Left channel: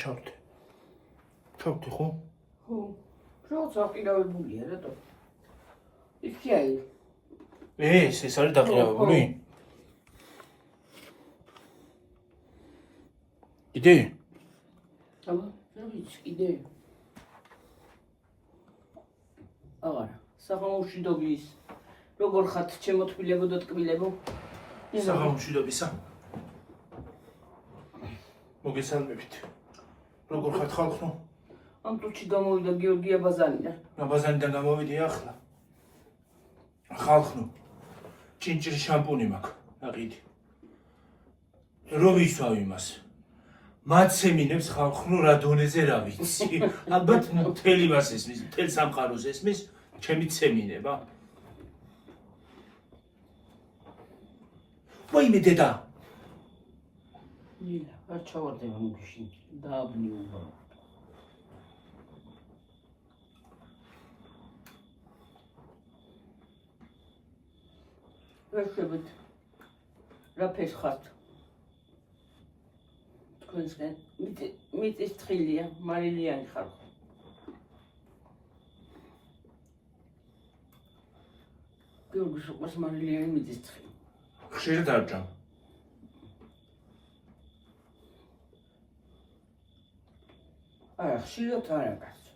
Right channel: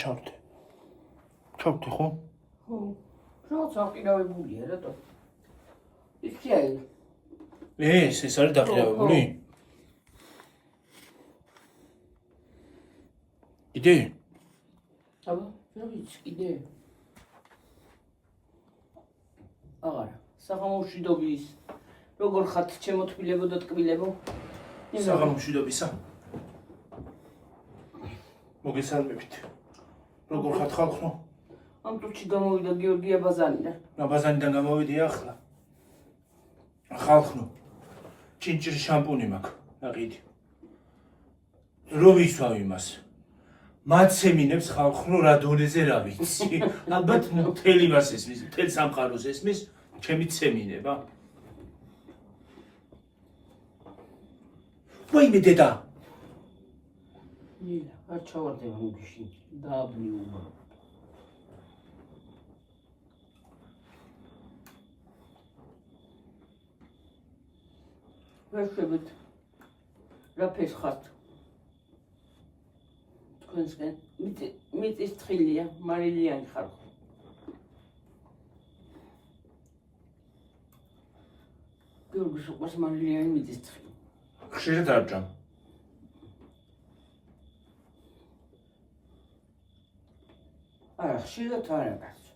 ჩავდე. ჩავდე ხო? ხო. რაღაცა აყირავებულია, რატო? იქ კი არის. ეს არის დაყირავებული? იდე? აბა, რა ვიცი, იდე. აღარა, საღამომშვიდობის. როგორ ხართ ჩემო თბილებო და ტკბილებო? საღამომშვიდობისა. მოგესალმებით. როგორ ხართ ხალხო? ამ წუთში გამოვიდა გიორგი აბაზანიდან. აბაზანიდან გამოვიდი ახლა. ხალხო, ჭინჭრის შამპუნი მაქვს, აყიდი. რო ვისვავ იმას. მაცემინებს ხალხო რა დონეზე რა ვიცი. ალბათ მთელი მას ესმის, მთელ სამყაროს ესმის, ჩემი ცემინება. ვაიმე დედა. ნილა, არ ჩავარდება მუქში, დააბნი უბრალოდ. ვეშებით, რა ფეს ხართ? თქვენსგან, მიწის თხილია, მარილიანი ხართ. გიორგის უყვარს მარილიანი მიწის თხილი. ხშირად არ ჯამ. არა, ხშირად არა კაცო.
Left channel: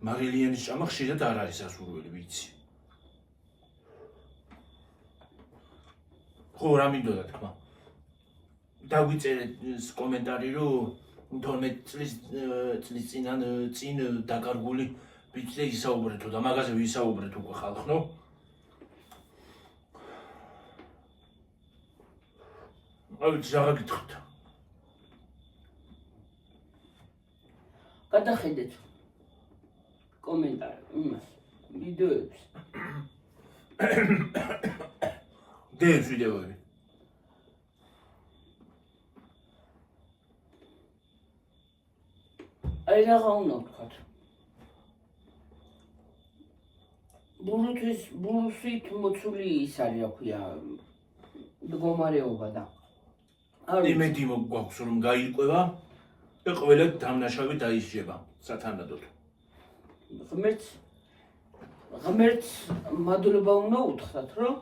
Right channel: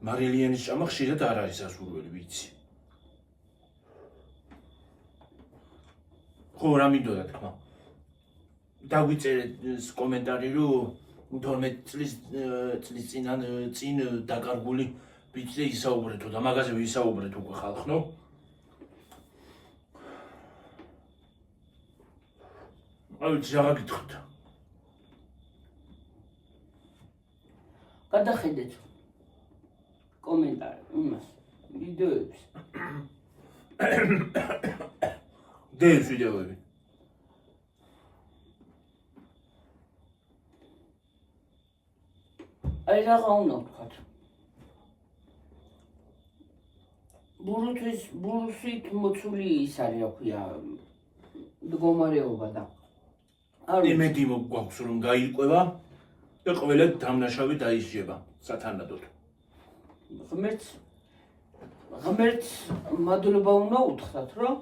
მარილიანის ჭამა ხშირად არ არის ასურველი, ვიცი. ხო, რა მინდოდა თქმა. დაგვიწერეთ კომენტარი, რომ 12 წლის წინ დაკარგული ბიჭზე ისაუბრეთო და მაგაზე ვისაუბრეთ უკვე ხალხო. ავიც რა გითხრათ. გადახედეთ კომენტარი იმას, ვიდეოებს. დევს ვიდეოები. აი რაღა უნდა ვთქვათ. ბურუსით მოცული ის არის, რა ქვია, მდგომარეობა და იმედი გვაქვს რომ გაირკვევა და ყველა დამნაშავე დაისჯება სათანადოდ. ღმერთს მადლობა უნდა უთხრათ, რომ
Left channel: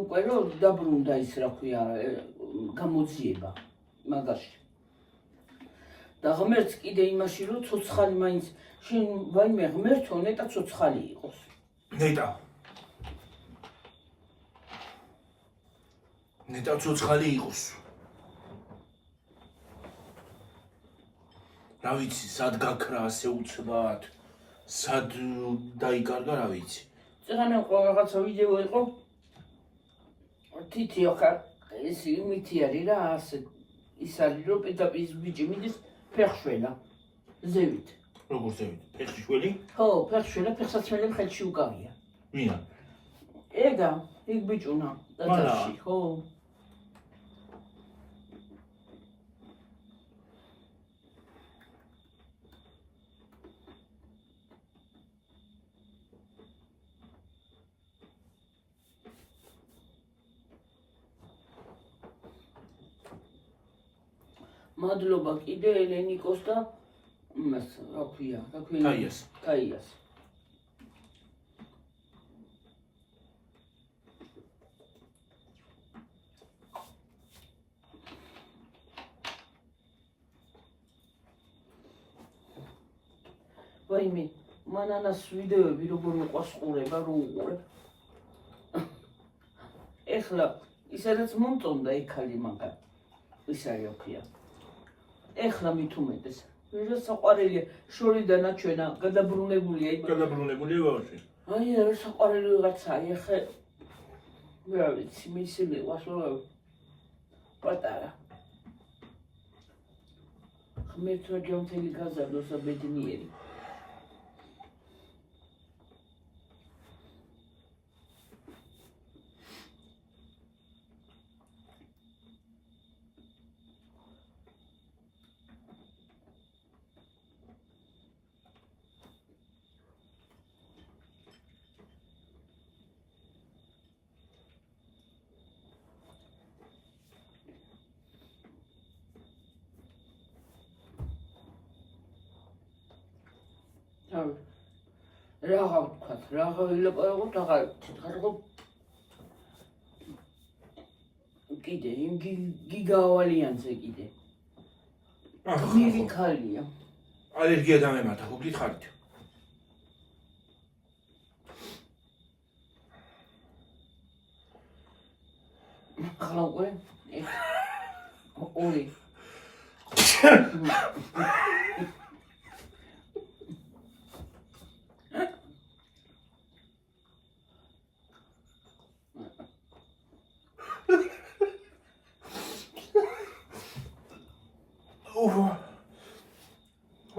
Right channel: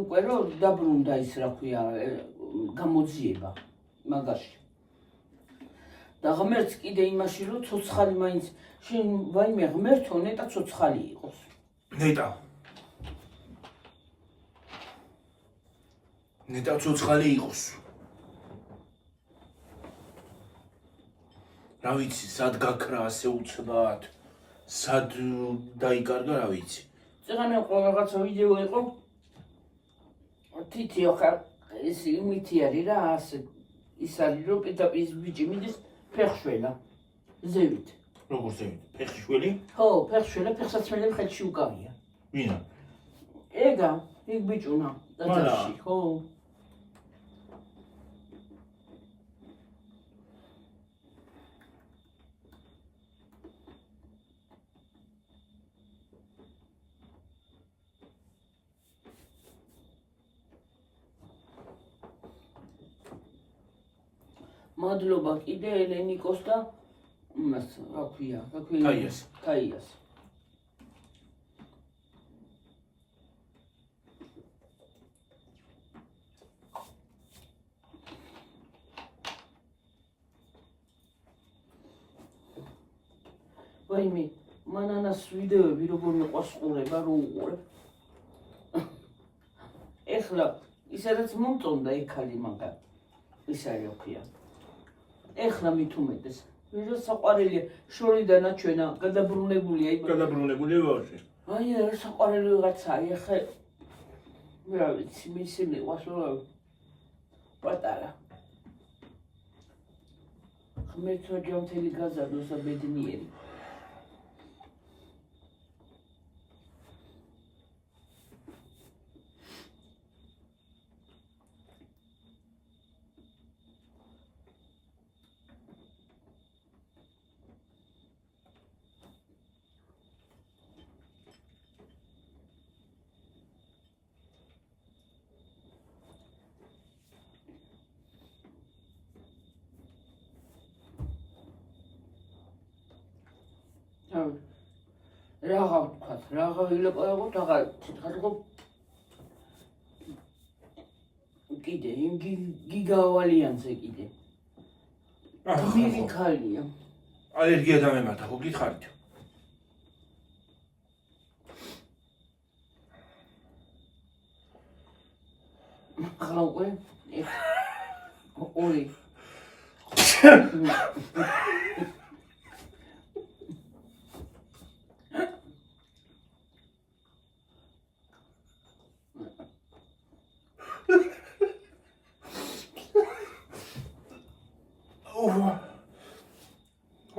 უკვე რომ დაბრუნდა ის, რა ქვია, გამოძიება მაგაში. და ღმერთს კიდე იმაში, რომ ცოცხალი მაინც შენ ვაიმე ღმერთო ნეტა ცოცხალი იყოს. ნეტა ცოცხალი იყოს. რა ვიცი, სად გაქრა ასე უცბად, სად დაიკარგა, რა ვიცი. წეგანა რაღაცა ვიდეო იყო. თითი ოხარ ეს იმითი არის რა, ასე ის არის, რომ პირდაპირ ბიჭი მიდის ფეხშველა, ზევით. როგორ ზევით? ფეხშველი? ხო, ფეხშველა, ფეხსაცმელები ხელში უკავია. ვინა? ეგა, იქ ბიჭუნა, დაძაში, ხო. მადლობა კიდე ელენიკოს და იმას, რა ქვია, თაიას. ვაიმე, მანანას ვიდეოები როგორ მოყვარს ყურება, რო უყურებ. ეხლა, ისაც მომწონდა ეკალი მაგარ, ის არის, რა ქვია. ეხლა მით უმეტეს. რა საყვარელია, შორიდანაც ჩვენა გადაბრუნებულია იმ. გადაბრუნებულია ბავშვი. აი, რა საყვარელი ვიღაცაა, ეხლა რა ვიცი, მისი მიყვარს რა პატარა. ღმერთო ჯანმრთელი გაზარდოს და ბედნიერი. Raga ვთქვათ, raga ვილაპარაკოთ, აღარ თქო. კიდე, გიგავალიანზე კიდე. გმირი ქალია. ალერგია დამემართა, ხო გითხარით? ახლა უკვე ორი.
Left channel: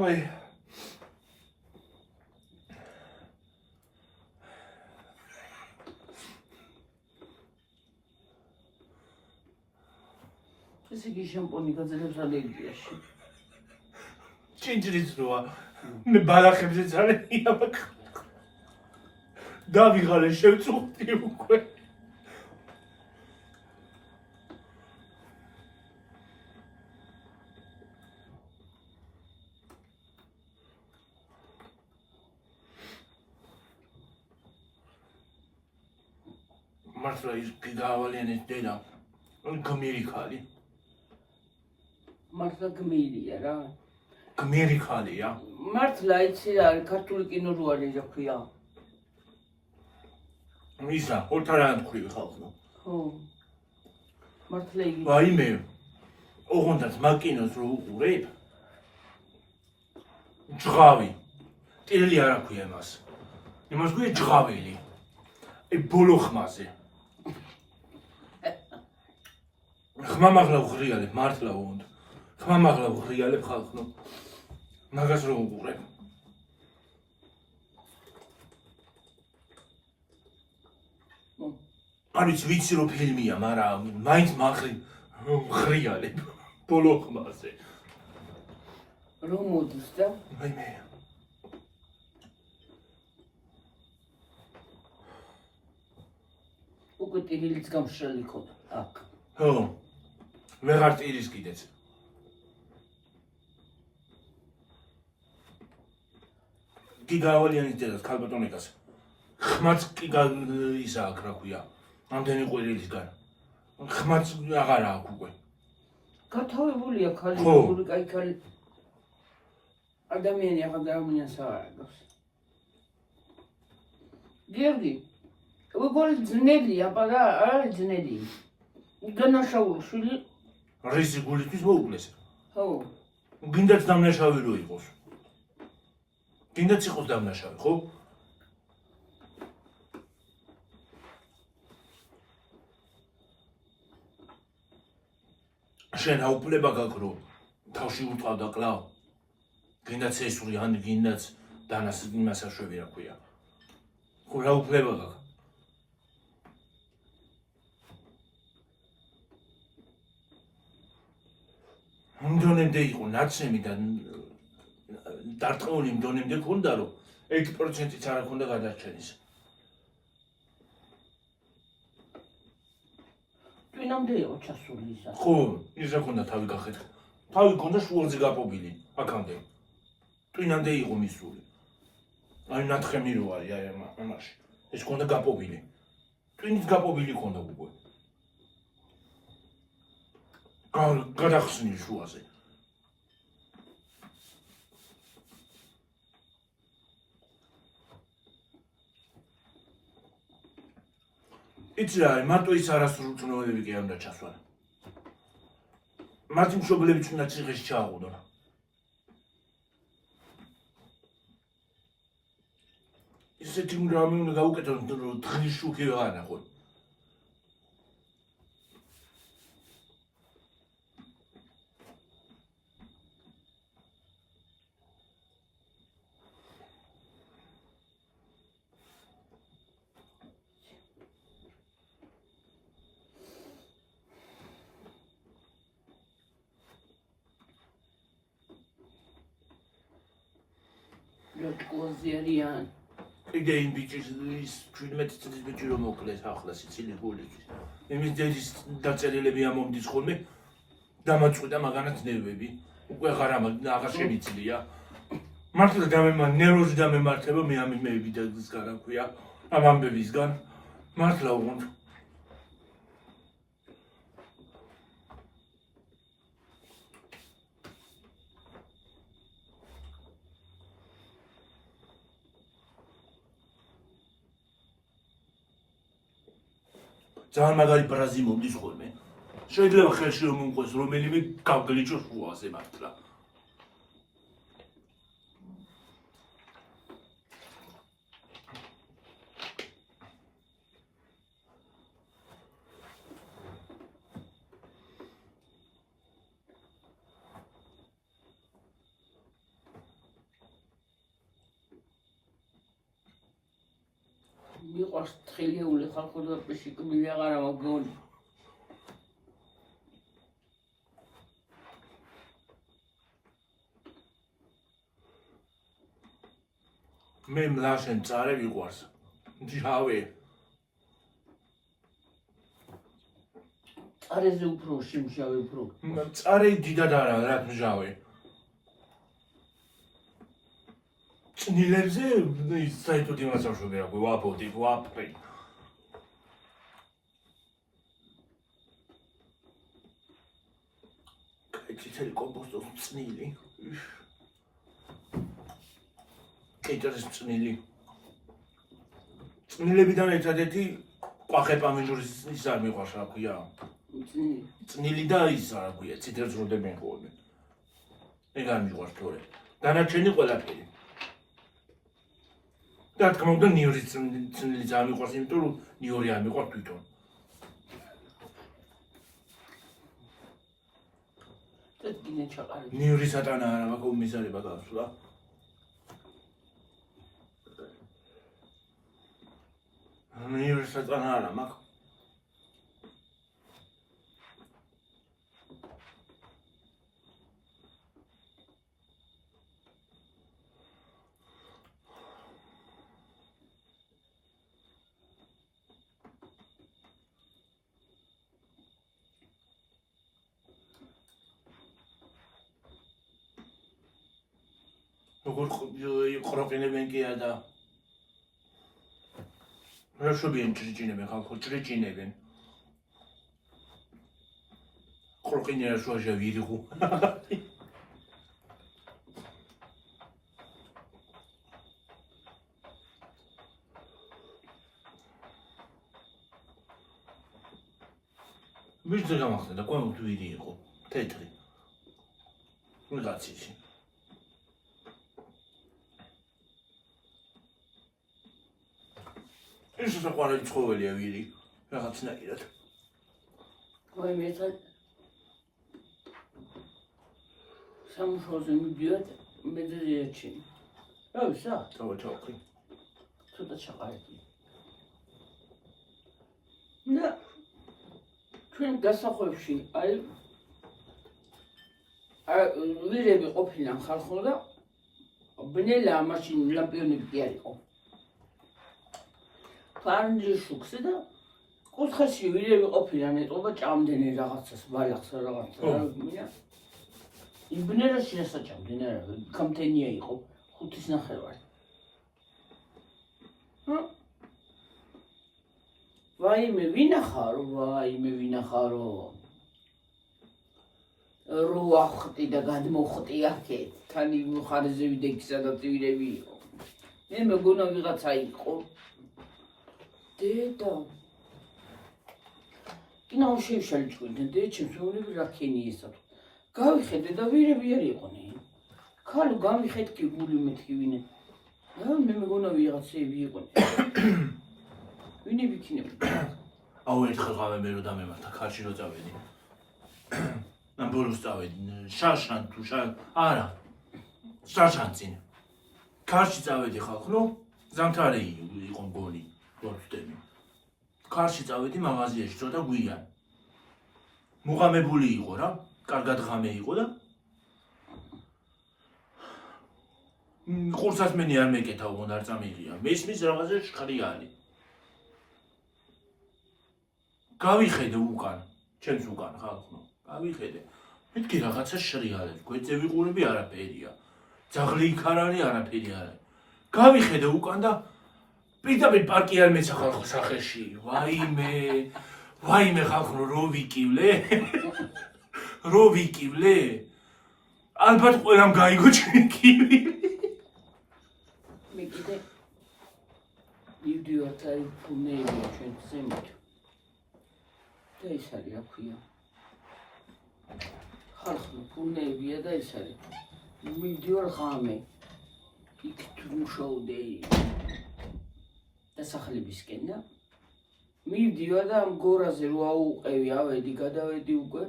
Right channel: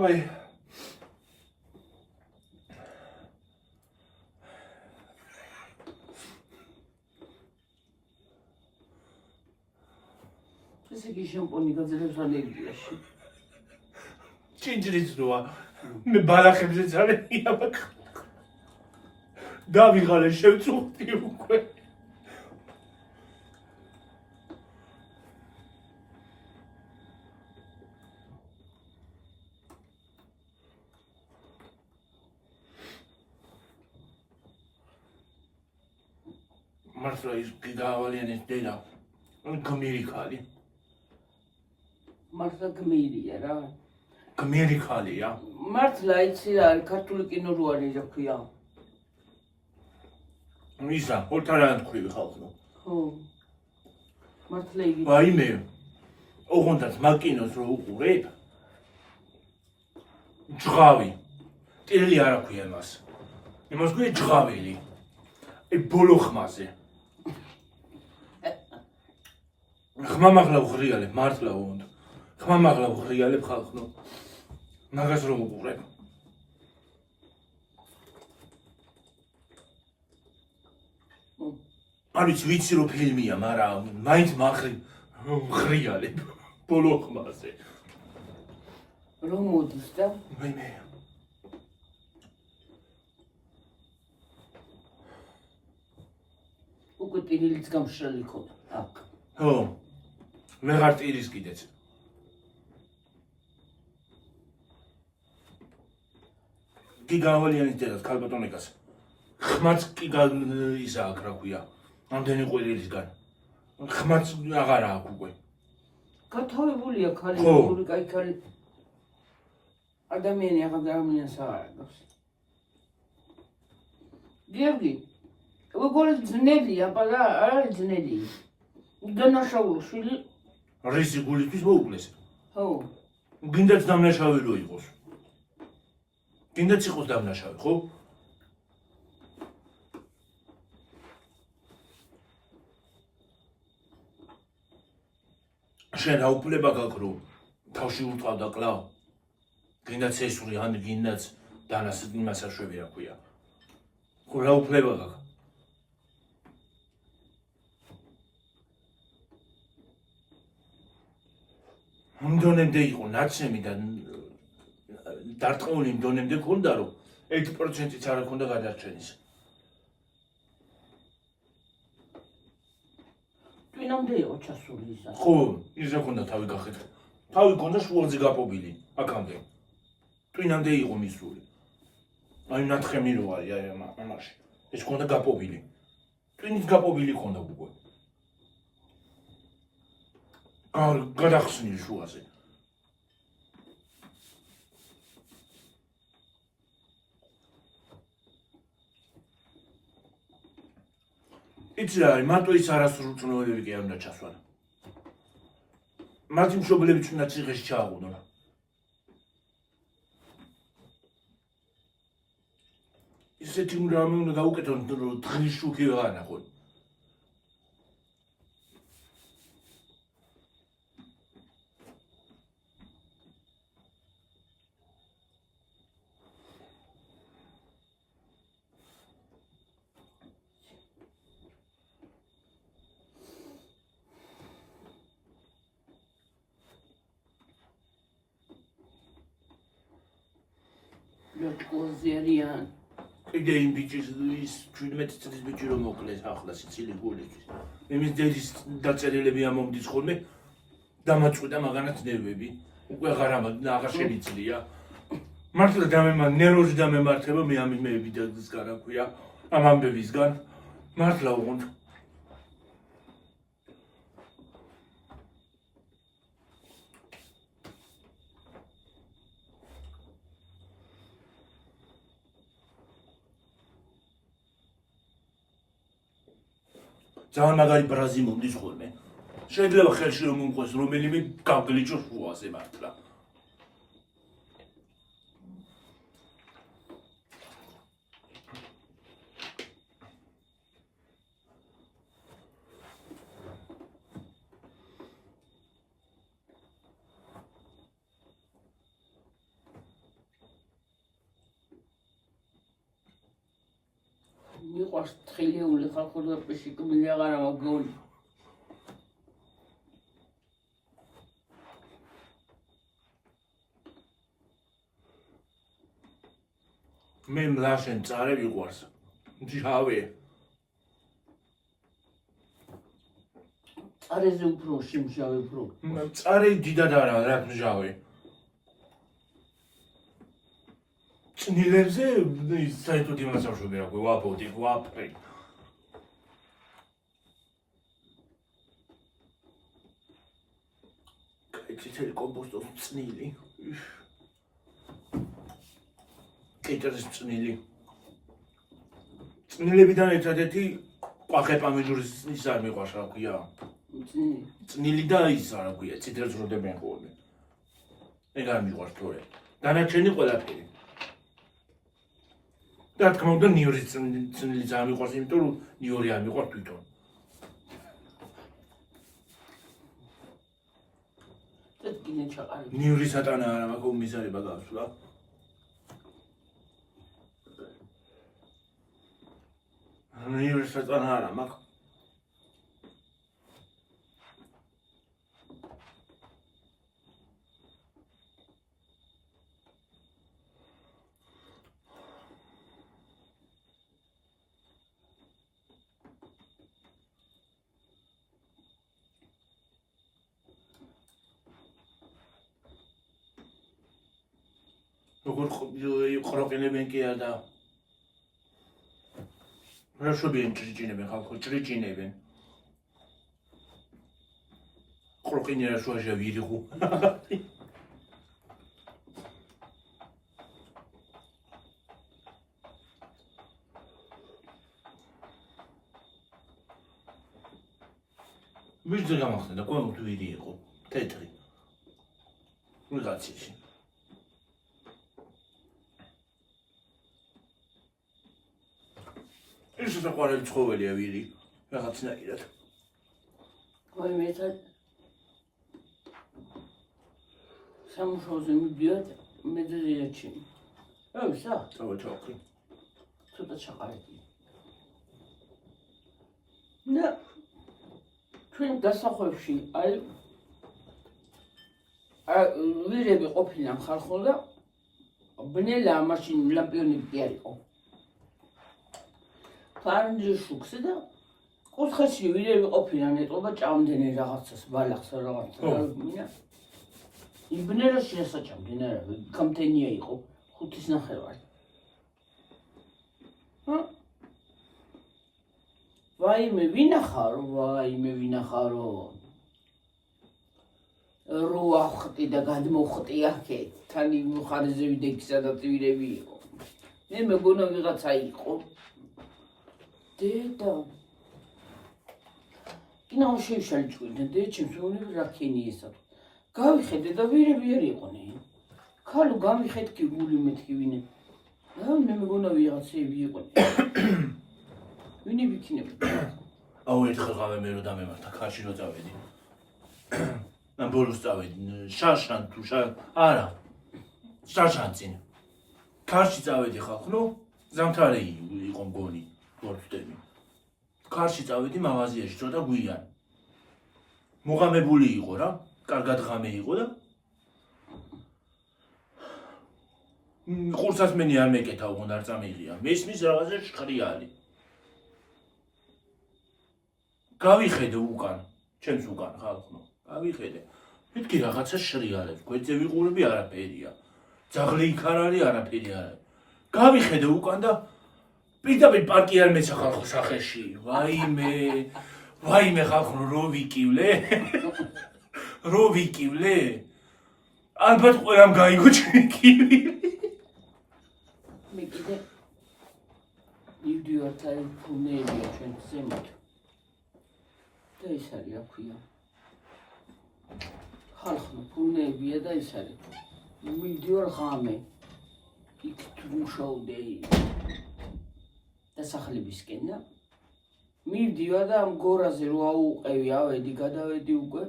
Ой. ესე იგი შამპონი გაძლევს ალერგიაში. ჭინჭრის როა. მე ბალახებზე ძალიან იამაკ. დავიღალე შევწუხდი უკვე. მართლა ის გიგავალიანის დედა. გმირი ქალი. მართლა გმირია რა. გმირი ქალია. მართლა იცი რა არის ქართული კინო რო არის რა ქვია. ისა, ორთარან თქვი ხალხო. ხო. მართლა იგი. ვაიმე. ოღონდაც მაგ კინოს რო უყურებ. ჯღავი. ტილი არ აქვს მას. იმას გვი ჯღავილი. ბოლო ხმაზე. ხმამაღლა ვღრიალებ, მართლა უნდა. ხმამაღლა ვღრიალებ ხალხო. მაგას რო უყურებ. არის ვიცი რომ ფილმია, მაგრამ მაინც ვღრიალებ ბოლო ხმაზე. რომ მოდის და ვაიმე. უკვე ტირილიც გამშრალი ხო აქ. ხო. ვეღარ ტირის კიდეც. გიგავალიანის დედას ქალბატონიკას. ხმაც კი ისა აქ რა ქვია. ამდენი ყვირილისგან. ხმაც აღარა აქვს უკვე. გათავებულია ქალი, ხო. ორი კაი ქალი. ადამიანი აღარ ადამიანს აღარ აქვს. გიორგი, უგორი ძნელია, პარა არ არის ძნელი. განაშაულო შვილი. რისი გულისთვის მოუკლეს. ხო. გინდაც დამნაშავე რო იყოს. გინდაც იყოს დამნაშავე, ხო? შენ აუკლება გაქვს რომ თავში უტყავდა კლავ. გინდაც ესური ან გინდაც დანას იმას აშვები რა ქვია. ხო რა უფლება გაქვს? მდონემდე იყო ნაცემი და დარტყმული მდონემდე ქონდა რომ 1%-იც არ ქონდა გადარჩენის. ტვინამდე იყო ჩასული ისა. ხო, ისა ქონდა თავი გახეთქ. თავი ქონდა შუაზე გაპობილი, აქამდე. ტვინამდე იყო მისული. აი ნათხემი რო არის აი ამაში. ეს ქონდა გაპობილი. ტვინით გაპობილი ქონდა უკვე. გადახსნილი შუაზე. იცი რა არის, მარტო ის არასრულწლოვანები კი არ უნდა ჩასვან. მათი მშობლებიც უნდა ციხეში ჩააყუდონ. ისეთი რამე უნდა გაუკეთონ, რომ დღის შუქი ვეღარ ნახონ. ლოჭკოზერიან. კიდე იმ ბიჭის ის 17 წლის ბიჭი რომ მოკლეს ახლა სიცილი გულიქის. იმის დედის დაწერილები ამომდის ხოლმე დამაწყვიტა მაგანაც ნერვები. უკვე აღარ შემიძლია. მართლა ნერვოზი დამემართება მე ამის მეებიდაგისგან რა ქვია ამ ამბებისგან მართლა უღუნთ ძალიან მაგარი ბრაზი მომდის ხოლმე შეიძლება ხელში რომ მომყვეს რომელიმე გავგლიჩოს უაზე მართლა მიყვარს თხილიული ხალხური პიშიკმილი აღარა მოგონი მე მლაშენ წარე ვიყვარს ჯავე წარეზე უფრო შიმშავე უფრო წარე დიდად არა რა მჟავე წნილებზე საერთოდ იმას ავშვები რა ვაპოდი ვაპრი კეთილი კომპოსტო წნილი კეთილი წნილი წნილებიდან ერთადერთი ყვახე პამიდურის ის არ მიყვარს რა ქვია წნილი და ის რა ქვია ციტერს როდებენ ხოლმე ეგ არ მიყვარს თორე დანარჩენი ყველაფერი და თქმა უნდა ნიორის წნილი ძალიან მიყვარს იმიტომ რომ ნიორი არ მიყვარს თვითონ წეთკინე ჩაყარი ნიური სატანა არა მაგ მიზარება გასვლა ნიური სატანა არა მაგ როგორ ყროყინებენ კი არა რა შობიან ჭრიჭინებენ ხალხო ჭრიჭინებენ ყროყინე რა შუაშა ვირიღუ მისზე გამახსენდა ყველგან ვირი იყო თეთრი ვიღაცის ეს საყვარელი ცხოველია ვირი რაღაცნაირად აი მე სამუშაოზე მიდიოდ მედრიეჩი აი სა თავი ცოტა ჩაყარდი და ჩვენ დასახვევში აი ვირები ყოფილან ხალხო და ბნელა მაშინ ლამპიონები არ იყო ფარნჯი შუქსი და კუთხეში ვირები ყოფილან ეტყობა ჭამდენი რაღაცას ბალახს რაღაცა მინა იმ ბნელაში ასაჭამდნენ არა კამტენია იყო 5.5 ვაიმე ვინახარო რო ახტი და გადმოხტი აქეთ თან იმ ხარზე ვიდექი სადაც ვირები იყო მე მეგონა ვიღაცა იყო დედა კინაო შევშალი ჭკვიდე დეჩემს უნები რაქენი ესა გავიხედე და ვირები არ იყვნენ ქალო გამიხედი გული მეთქი ვინე და მე მეგონა ვიღაცები იყვნენ ვინი ვიქნები აუ ერთხელ გავე მე რო დამემართა ქარში რო წავედი ამ ბოლოს წავედი შაშან თუ არა შაშანცინ ქარში წავედი ხალხო ზამთარი იყო მგონი ვარდები ქარში წავედი მაღაზიაში ცოტა გვიან მოღამებული იყო რა კარგად ღამე იყო და ყურსასმენი არ მეკეთა უღონ არ წამიღია მესმის რაღაცა შხრიანი გავიხედე უკან ჩემს უკან ხალხო გავიხედე მეთქი რაღაცა შრიალებს გვეწე ვიყურები არაფერია ძაღლი იქ არ არის, არაფერი არ არის. გავიხედე უკან და პირდაპირ პარკი არ მეცა ხალხო სახეში. ვაიმე ხალხო რო ვიკივლე. რო ვიკივლე. ალბათ ყველამ გაიგო ჩემი კივი. მე კიდე იდიოტა ფუნელი ჩვენ ზემოთ. ეს არის რა ქვია. ხალხო ფუნებია და ეს არის. მიდიორ ღამე. იქ თუ მუშაობდი დასახლებისკენ და მივდივა და ამ გორაზე რო აუყევი, ავედი, გადავედი უკვე.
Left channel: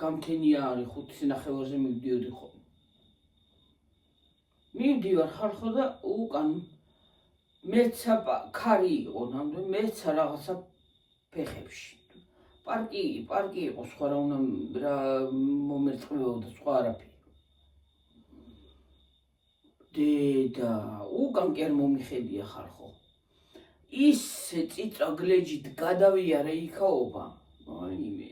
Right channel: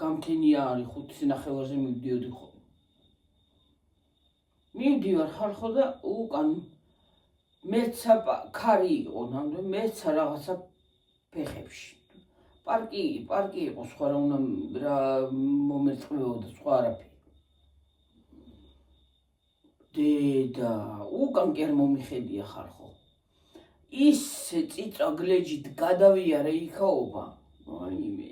გამქენია არის 5 ნახევარზე მივდიოდი ხოლმე. მივდივარ ხალხო და უკან მეცა ქარი იყო, ნამდვილად მეცა რაღაცა ფეხებში. პარკი იყო, სხვა რა უნდა რა მომერწყებოდა, სხვა არაფერი. დედა, უკან კი არ მომიხედია ხალხო. ისე წიწა გლეჯით გადავიარე იქაობა. აიმე.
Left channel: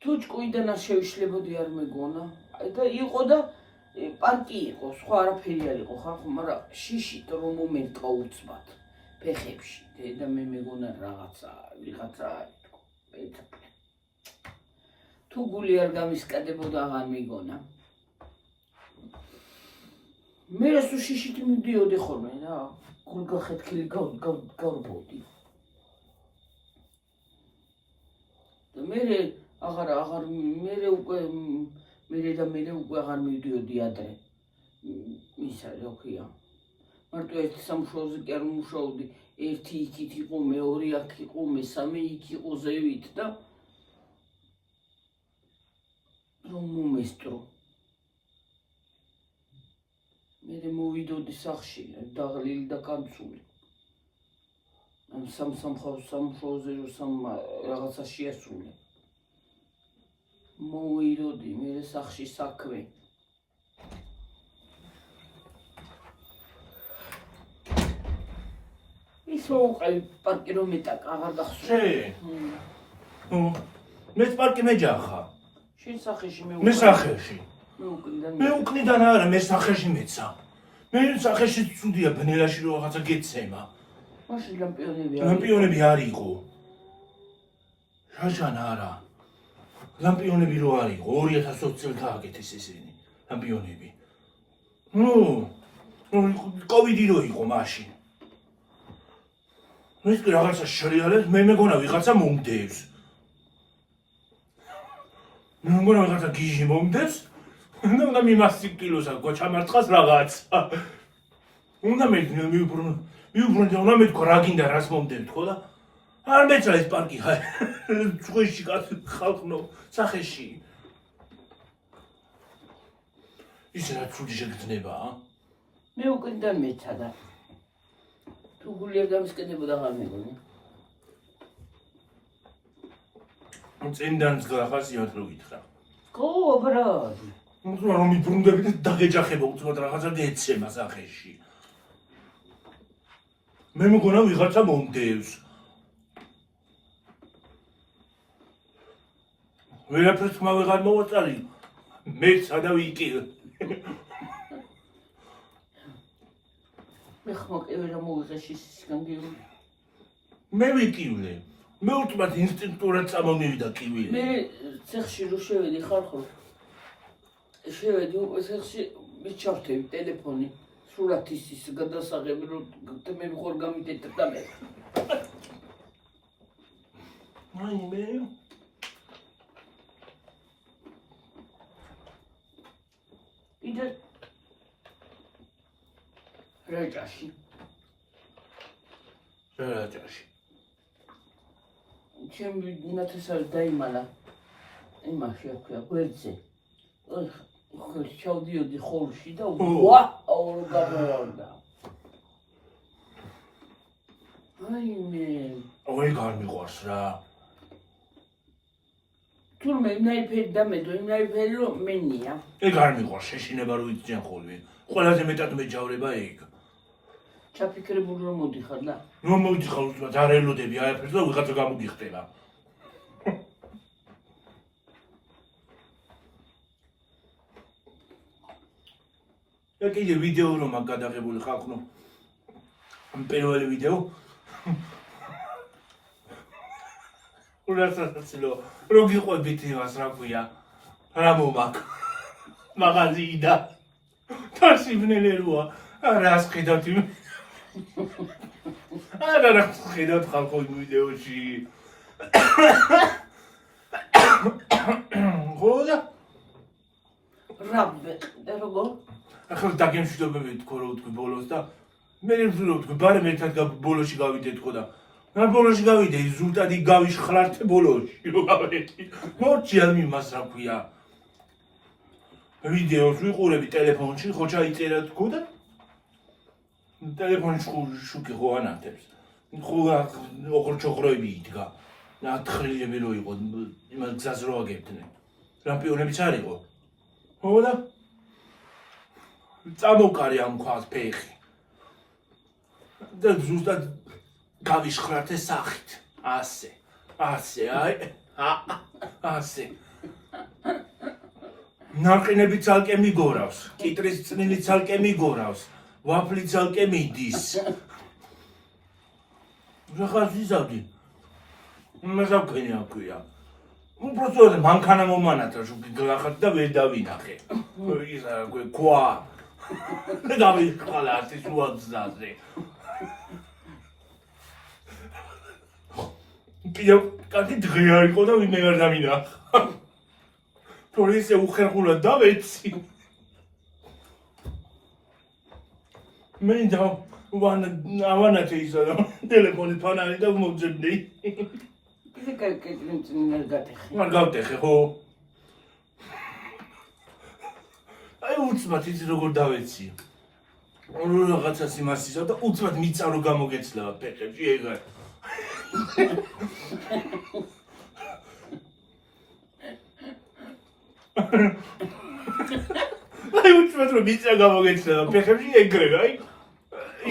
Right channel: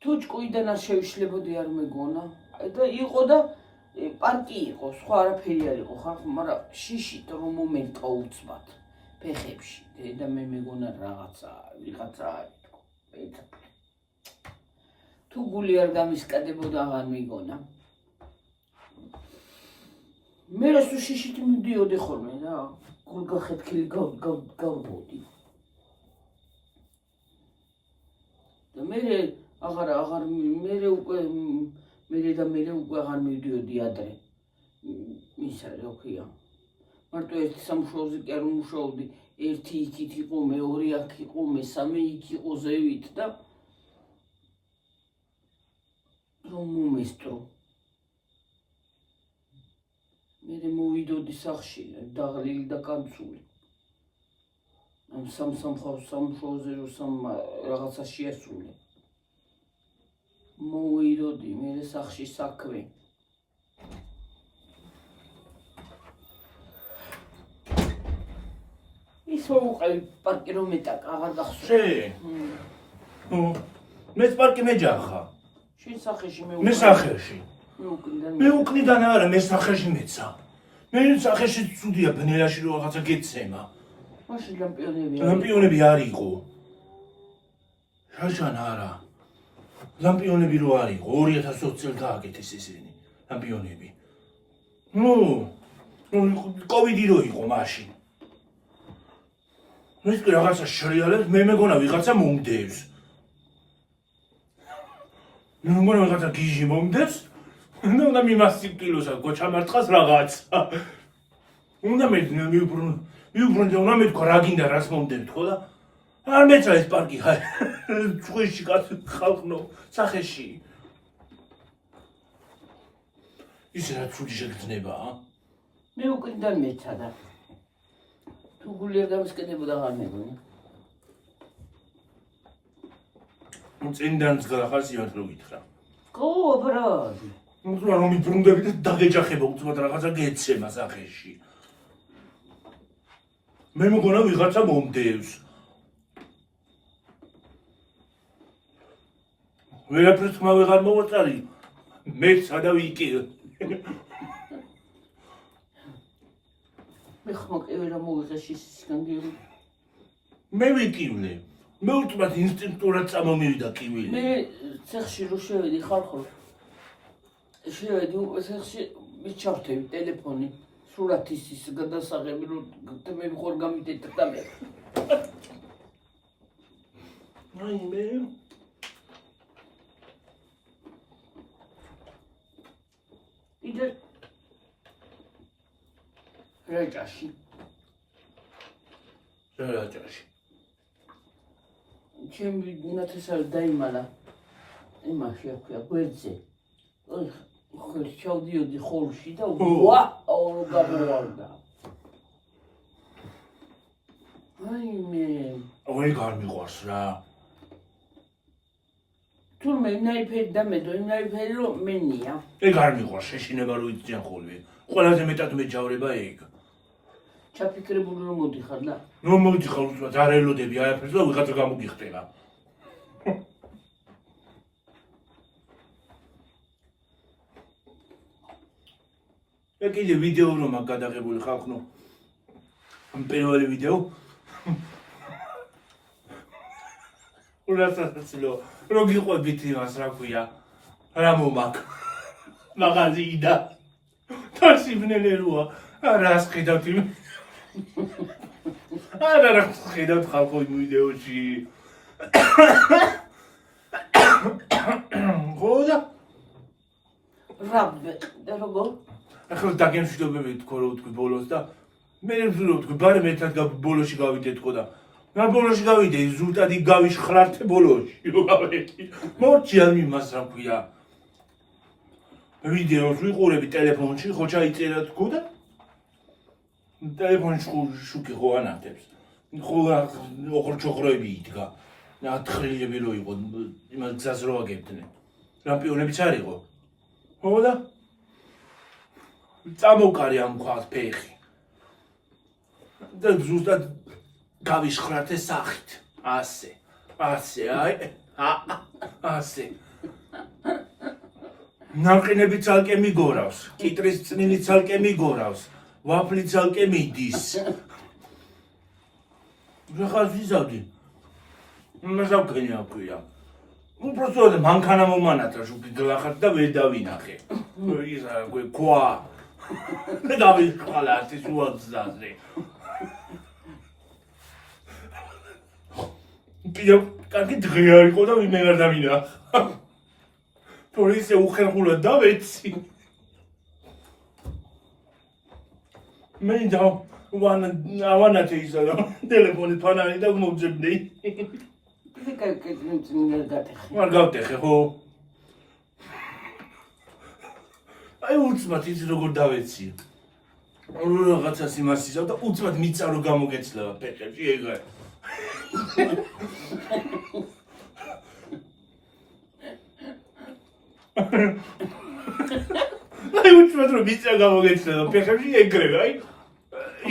თუ ჭკუიდან არ შევიშლებოდი არ მეგონა. და იყო და პარკი იყო, სხვა არაფერი არ იყო ხალხო, მაგრამ შიშით რომ მომერტყა უცბად ფეხებში. და მე მეგონა ვიღაცა არის თქო. თუ გული არ გამისკადებოდა აღარ მეგონა. მე რასო შიშით მივდიოდი ხოლმე რა. გულგახეთქილი გავბოდი. და მე უკვე აღარ მივდიოდი ადრე. ისა რა ქვია. მარტო ერთ სამუშაოზე კი არ ვმუშაობდი. ერთი იქით იყო, მეორე აქ იყო, მესამე იქ იყო ზევით და რომ მომესტრო. მე მოვიდოდი სახში, დაღლილი და კანცული. სამუშაოზე რომ რაღაცა შეასრულე. მოვიდოდი მე სახში საქმე. ისო უყევი პარკი რომ მეტაკ აღარ გახსოვს. მე პარკი მეჯახა. შენ სახეში მე სახეში. მე უკნიდან არა, მე სახეში მეცა. მე სახეში ცუდია ბნელაში რომ რაღაცა გეცემა. მაშინ ლამპიონები ლამპიონები არ იყო. შაშან არა. ლამპიონები რო არ იყო, 2020 წელს დააკეთეს ესენი ლამპიონები. კოვიდი რო იყო მაშინ. ეს რაღაცა შრიალებს, მე მეგონა ვიღაცა მომდევს. მე მეგონა ვიღაცა გიჟი მომდევს. უნდა მიმასი კილოსა გოჩამარტყას რაღაცა. უნდა მივუბრუნდე, უნდა მეთქვა რა გინდა რას მომდევთ ხო და არ მეცა ეს პარკი ხარ. წვიში ხალხნო სახეში. ის რა ცუდი შეგრძნებაა. მე უკიდან მეცა და თუ გული არ გამისკენებოდა აღარ მეგონა. წინდანც გახასიათ რო გითხრა. გო ბრალი. უნდა რომ მიბრუნდები და დაგეჯახება უცბად რაღაცა გეცემა სახეში. მე მგონა ვიღაცა მომდევს. ვერაფერს ხმა ვეღარ მოვაწარი. მეც ადავიკი. მე ხმოკევი რა მოვიღე შისისგან გირი. მე ვიკივლე. მე უთმად ინსტინქტურად წამომივიდა კივილი. მე ცეხში რო შევედი ხალხო. შევედი ცეხში მიჩავთები ტელეფონი. სურათის ის გადასაღები რომ მე ხარ გამიდეთ და მე. მე იდე რეჯაში. ჩემი ნათესავი დაიმალა. იმაში აქვია გვერდზე. ხო ჩავდიოდი ხოლში და ვაუ გამოვარდა. მე გარ მიყვარს რა. თურმე ინაიფერი დამედო, ინაიფერი რომ მენია. ეგ არ მიყვარს შეშინება რო იციან ხოლმე. ყველაზე მეტად მეჯავრება ეგ. ჩაფიქრებული რომ მოდიხარ და? რომ მოდიხარ უცბად არ ელოდები არაფერს და ვიღაცა გამოგიხტება. და კიდე ვიდეო რომ აქვს გადაღებული ხალხო. პირველი ვიდეო. ურასაცილო, რო გიყვებით იმას, რა ქვია, რა მომაკ. მაღაზიიდან. თასიბნელეროა, რას ხედავთ იმ რა ხედავთ ხალხო იმ ვიდეოში. ხოდა და როგორ? ახლა დაგემშვიდობები თქო რომ ვთქვი ბოლოს და მე რომ ვთქვი ბარემ ერთად ბოლოში გავიდეთ ხო და რა ბოლოში გავიდე ზუსტად იქ გავიშხრარტე ბოლოში რო გავედი მორჩი ამ იმას რა ქვია ვიდეოს ვიყურები ტელეფონში ხო ჩაიწერა თქო და ტელეფონში შუქი ხო ანათებს ხო ოღორჩოღროები იდგა ნათხრილები რო იყო იმას გზას რო აგებდნენ რამპიონებიც არ იყო ხო და წამოვკარი ამ ქვას ფეხი და ზუსტად გავიშხრარტე სახით ასე აი ასე ნაყინები ცალკე მიგორავს კიტრის წნინი ცალკე მიგორავს ვაფლი ცალკე მიდის რახაც ვიზავდი მე ზავქენი აქვია უბრალოდ მანქანა მომანათა შუქი გლახად და ვერ დავინახე ისა ქვა დავიხალა ეს უაზაზე პიო კარგი დღე იყო და ვინმე არ დავინახა თორე ისე უხერხულად დავეცი მე ვანათე ისა და ტელეფონი ფანარი და მომძებდი არ გავტეხე ხო აი უცბად ის როგორ დავეცი რაღაცას იმას ისავ და უცბად მიწა რო გამოგეცლება ფეხებში ეგა აი უცბად რო მიწა გამოგეცლება ფეხებში ეგრე აი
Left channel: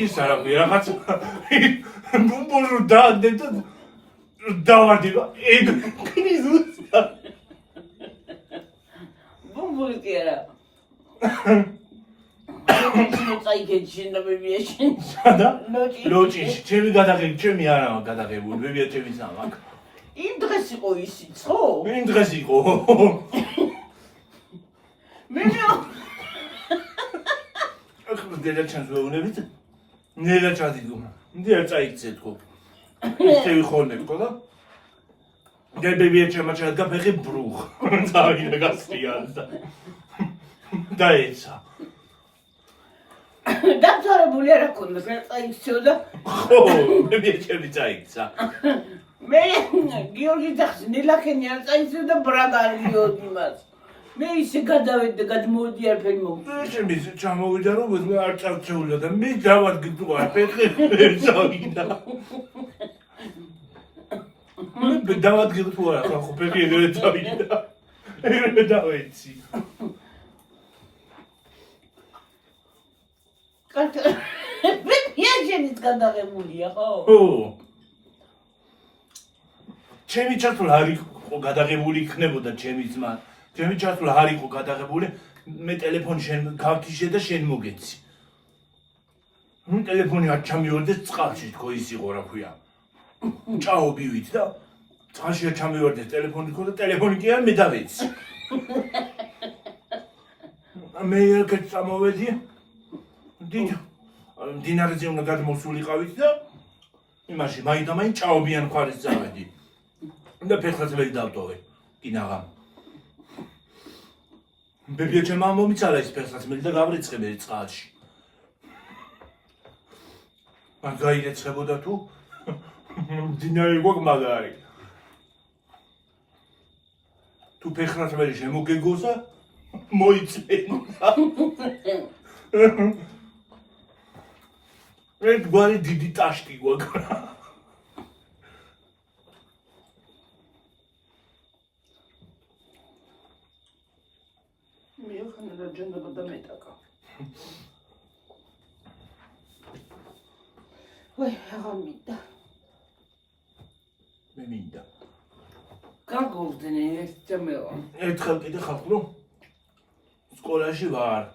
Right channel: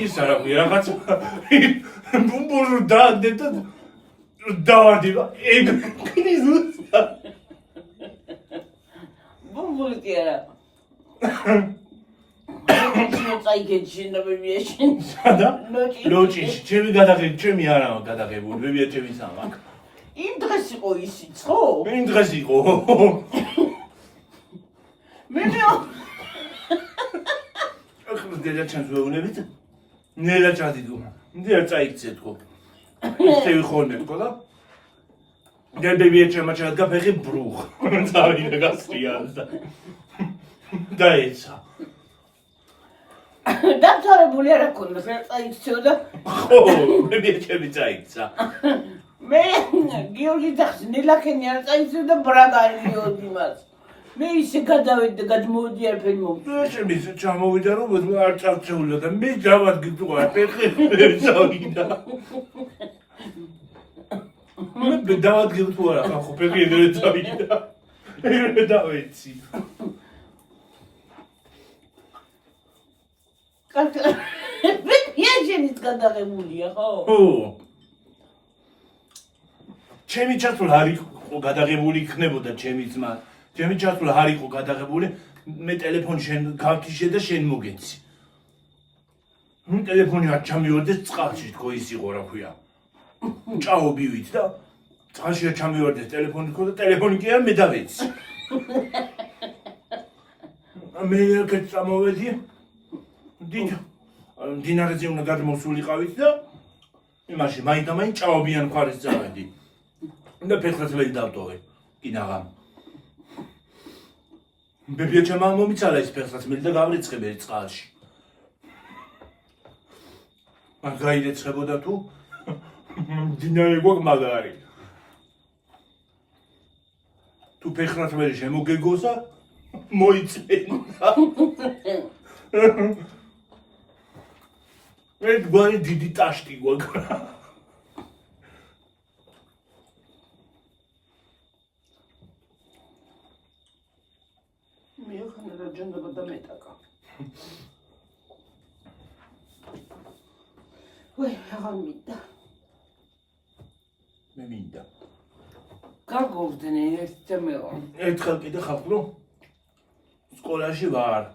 ის არა რაღაც ბუმბულო დააგდე და დავარდება ეგ კრიზუსა ბუმბული არა წაიგეჩენ და მევიაშენ და ლოჭიში ჩემი გადაღები ჩემი არაა გადაღებული მევია ჩემი სამაკ იმ დღეს იყო ისიც ხო იმ დღეს იყო მე ახლა დედა ჩანს ვეუბნებით ნელა ჩადიდგო ნელა წაიქცე თქო ისე ვიხოვნებ ხო და გებებია ჩემაჩად გაფეხი ბრუხ წავიდა გასწრიალდა და ეცა დაცარებული არ აქვს რა წაიქცეო და ხო მე ჩემი წაიქცა მე გიორგი ძახს ნელახენი არ წაიქცეო და ბრაგალიოდ იმას მე ისე გადავედი და გადმოვედი არაფერი მომწონს ჩემი ჩამოვიდა რომ არ წავწეულა და მე გავადგინდა ფეხი წავიდა მე დავადგინე თუ არა ხო ფეხი ეგრე წავიდა ეგრე დავეცი მე იაჟენით გადაღებულია ხო? ხო. ჩემი ჩართული არ იყო გადაღებული იქნებოდა ჩემი ძმა. ჩემი ჩართული არ იყო გადაღებული მე ტელეფონი შენ გავქიშე და შენ მოგეცი. ნუ ტელეფონი არ ჩამივარდეს წყალში თქო ის იყო რა ქვია. ჭაობივით და წყალში არ ჩამივარდეს ტელეფონი თქო და ტელეფონი კი არ მე დავეცი. მე ერთ წამოვედი დინარზე უნდა გადმოსულიყავით და იმაში მაინდამაინ ჭაობიან მხარეს წავედი და ფეხსაცმელი დავტოვე კინაღამ ბებია ჩემმა მომიცალა ეს ფეხსაცმელი და გავრიცხებე წყალში არ გაირეცხებოდა თუ დინარი გვაქვს მაგარი თუ ფეხსაცმელი შემოგეგოსა მოიწენა ერთგვარი დიდი ტაშტი გვაქვს. მე ხან რა ჯანდაბა და მეტაკა. ვაი, აღარ მინდა. მე მინდა. გაგორდნე ერთ თემეო. ერთხელ კიდე ხაფრო სკოლაში ვარ.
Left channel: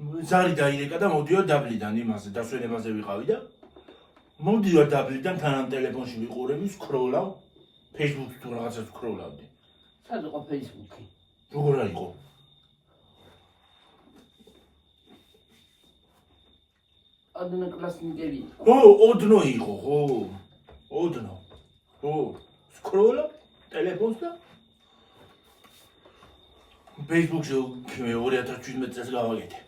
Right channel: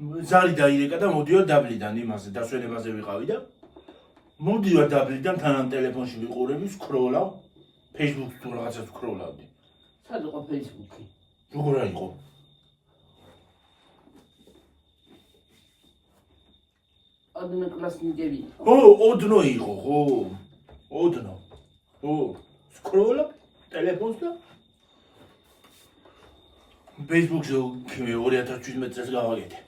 ზარი დაირეკა და მოდიო დაბლიდან იმაზე დასვენებაზე ვიყავი და მოდიო დაბლიდან თან ტელეფონში ვიყურები, სკროლავ, Facebook-ში თუ რაღაცას ვსკროლავდი. სად იყო Facebook-ი? როგორ იყო? Одноклассники. ოდნო იყო, ხო. ოდნო. ხო. სკროლავ ტელეფონს და Facebook-ზე 2017 წელს გავაკეთე.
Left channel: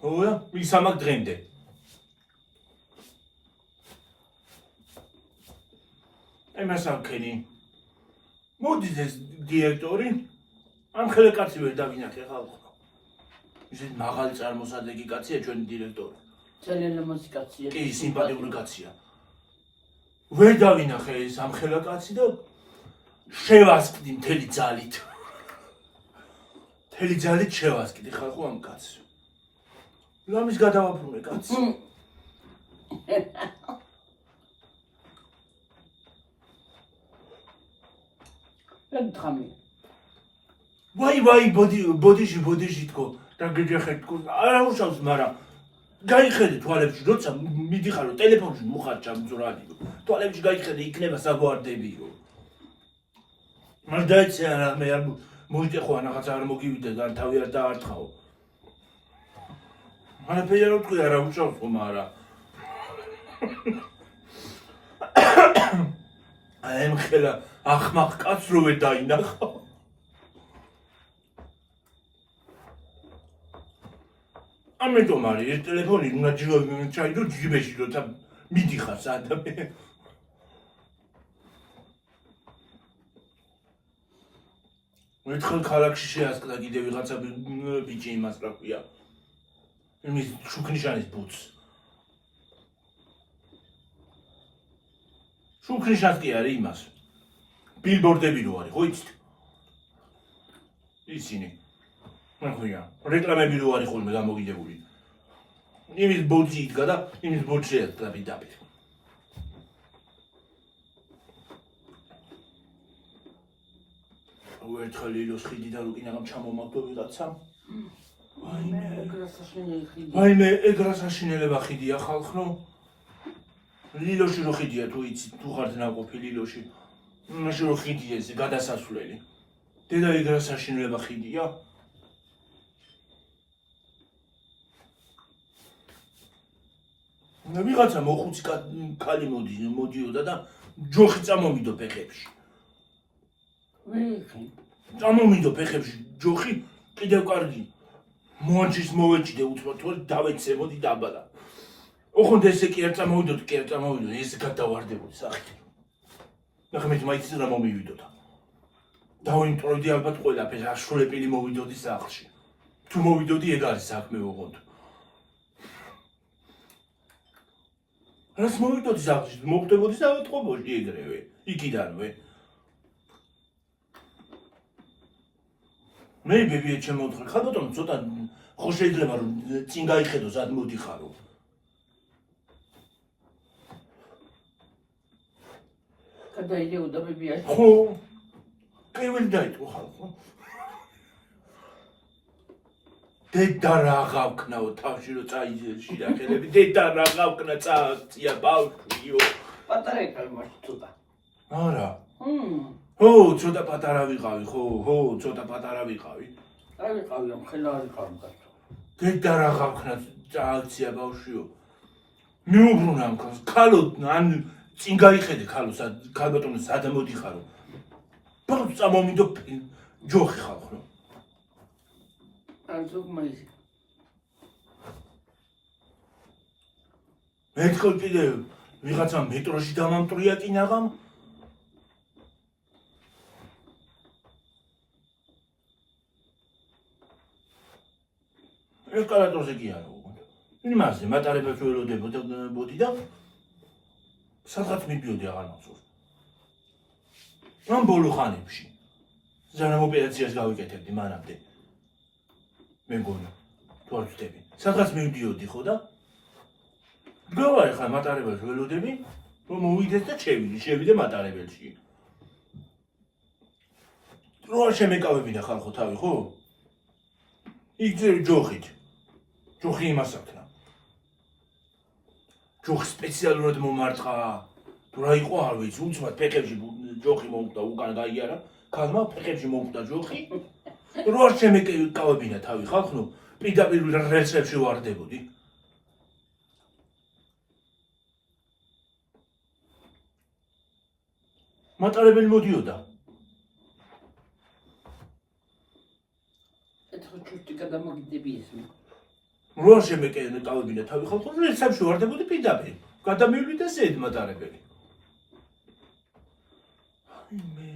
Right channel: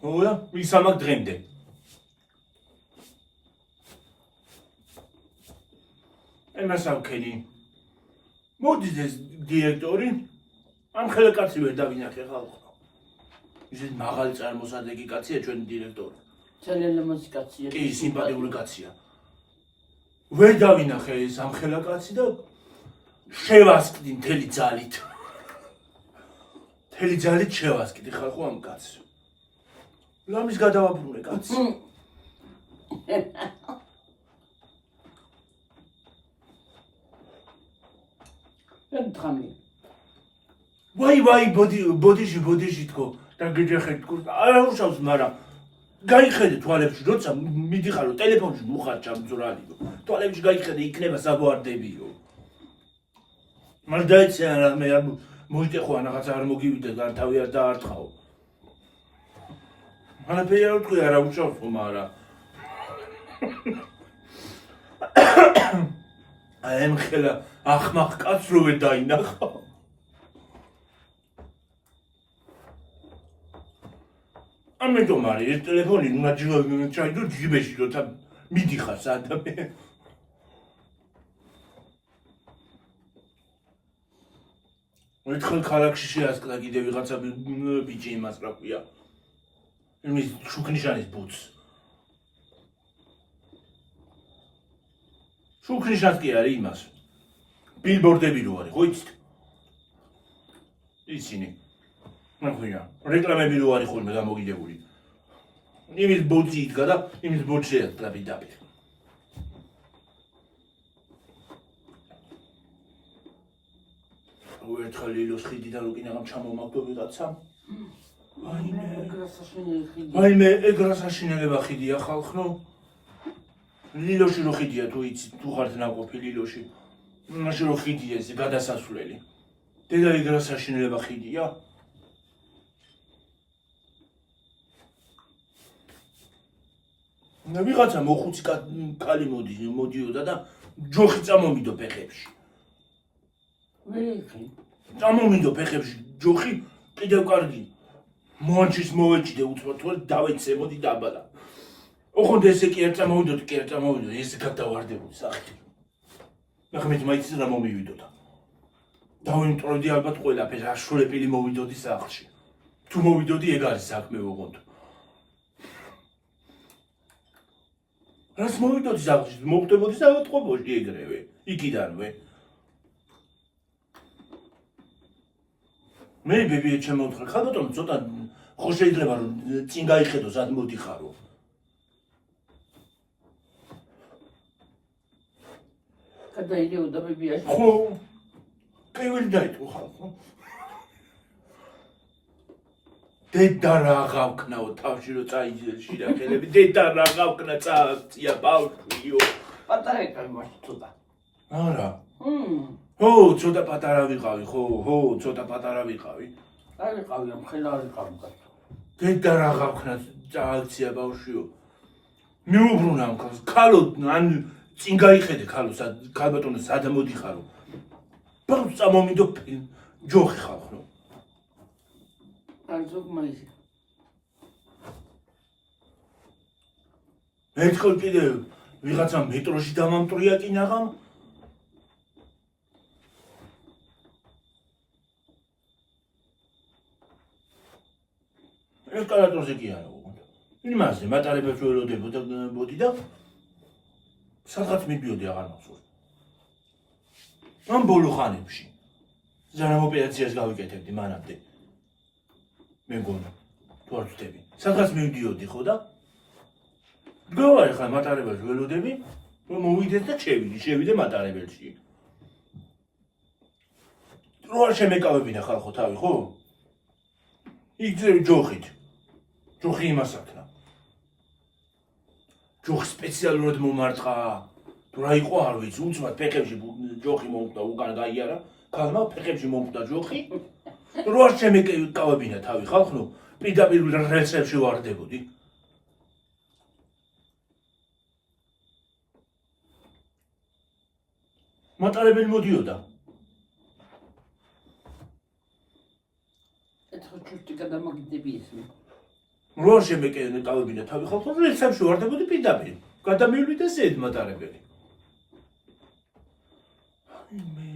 ხო, მისამაგ დღემდე. ემას ამქენი. მოდის ეს დირექტორი, ამ ხელკაცი ვერ დავინახე ხალხო. ისეთ მაღალი წარმოსადეგი კაცია ჩვენი დირექტორი. ძალიან ლამაზი კაცია. კი, სიმპათიური კაცია. ვერ დავინახე ეს ამ ხელკაცი და შევასკდი მთელი ძალით. მთელი ძალით შევასკდი ხალხო ამ კაცს. ლამის გადავაბრუნე კაცს. ემთხამი. ვაი, ბოდიში თქო. და გეჯახეთ თქო. არა უშავს, მაგრამ გაიხედე თვალებში, როცა მიდიხარო ტელეფონში მოხარჭა მძვრალი. თვალებში გაიხედე, იქნება საბოარდებიო. მაგრამ დაიცე არა, მე არ მოიტეხო რაღაცა არ მოგივიდე და თავი არ დაარტყაო. არაფერი არ ვთქვი, არა უშავს, მაგრამ აი ამ ხელა ახმახ კაცს რო ვერ დაინახო. ამიტომ არის ეს ტელეფონი უნდა ჩაიდო ჯიბეში, როცა მიდიხარ სადამე. ერთხელ ქალაქში შეასკდა კიდე ვიღაცა ბიჭი იმას რა ქვია. იმის შუქნიშანის ბუცს. შუქნიშანს კი არის იმას. ბილბორდები რო არის, ხო იცით? ისინი. ნახია, რეკლამები რო არის ხოლმე გამოგიდებული. იმის ბოძი იდგა და იმის ბოძი შეასკდა პირდაპირ. ერთხელ ლილოს ხიდიდან რო კიდევ ჩამომაგდო ვიღაცამ. ვაიმე, ეგ რა საშინელება ხიდია ხალხო. ლილოში რო ხიდია თუ იცით, თუ ხართ ნაყოფი ლილოში. მაშინ რო ხიდია ეს გადასასვლელი. დედა ეგ რა საშინელება ხიდია. ვიღაცა მოხუცი კალი მოდიოდა და ჯოხი წამომიდო ფეხებში. ვიღი. წამომიდო ფეხებში ჯოხი კიდევ კარგი. მონჩის მოვეჭიდე უცბად თორე დავეცემოდი დაბადა. ოხონდ ესე კი არ წამოვიდოდ, ეს გადავარდებოდი სახით. ნახმეთ მაიც რა მომივიდოდა. დავიმტროვდი ალბათ ყველაფერს, აშროლეპილი მოვიდოდი სახლში. თუ მოვიდოდი ეგ არის საქმე ოღონდ. რას მოვიდოდი სახლში, მოვხდებოდი საავადმყოფოში ეგრევე, იქიდანვე. მე ბებია შემოთხარ, ხა ბატონო ცოტა ხო შეიძლება რომ წინ გაიხედო სად მოდიხარო. გადაიდეოდა ბებიაში. ხო. კრიველი დაიწყო ხალხო. დედა რა გავქნაო თავში რო წაიძილში რა ხელები, დედა რა გავქნა წააქცია ბავშვიო. პატარა იყავი მარტო ცოტა. არა. ხო, ცოტა პატარა ვიყავი, ხო, ცოტა პატარა ვიყავი. არ ვიყავი, ამ ხელა არ ვიყავი კაცო. დედა რა გავქნა წააქცია ბავშვიო. მიუბრუნა ამ ქალს, ქალო ან წინ გაიხედე ქალო, ქალბატონო სად მოდიხარო. ბავშვს წამომიდო ჯოხი ხალხო. არ ზოგმაიზი. ერთხელ კიდე ვიღაცა მეტროში დამამტრია კინაღამ. ესკალატორზე კი არა უგონდა. იმაზე მატარებელს ველოდებოდი და სადღაც მიდიოდი აღარ მახსოვს. ამ ბოლო ხანებში ზანამ ოპერაციას გავიკეთებდი მანამდე. მე მგონა თუ არ ვწდები. სადღაც მივდიოდი ხო და გავარი ხა მატარებელს ველოდები, რომ მოვიდეს და შევიდე მატარებელში. რო არ შემეკავებინა ხალხო თავი, ხო? იგზები ჯოხით. ჯოხი იმას აქნა. ჯოხი სპეციალურად მომარტყა. თუ რა იყო არ ვიცი, უცბად ფეხებში ჯოხი მომკვდა უკან გაიარა. ქალმა ფეხებში მომკვდა ჯოხი. რო არ შემეკავებინა თავი ხალხო, პირდაპირ რელსებში ვარდებოდი. მატარებელი მოდიოდა. ეთქო ჩუსტი გადამაგდები ისმე. რო არ შემეკავებინა თავი ხალხო, რელსებში ვარდებოდი პირდაპირ. გადამივლიდა ზედ მატარებელი. მე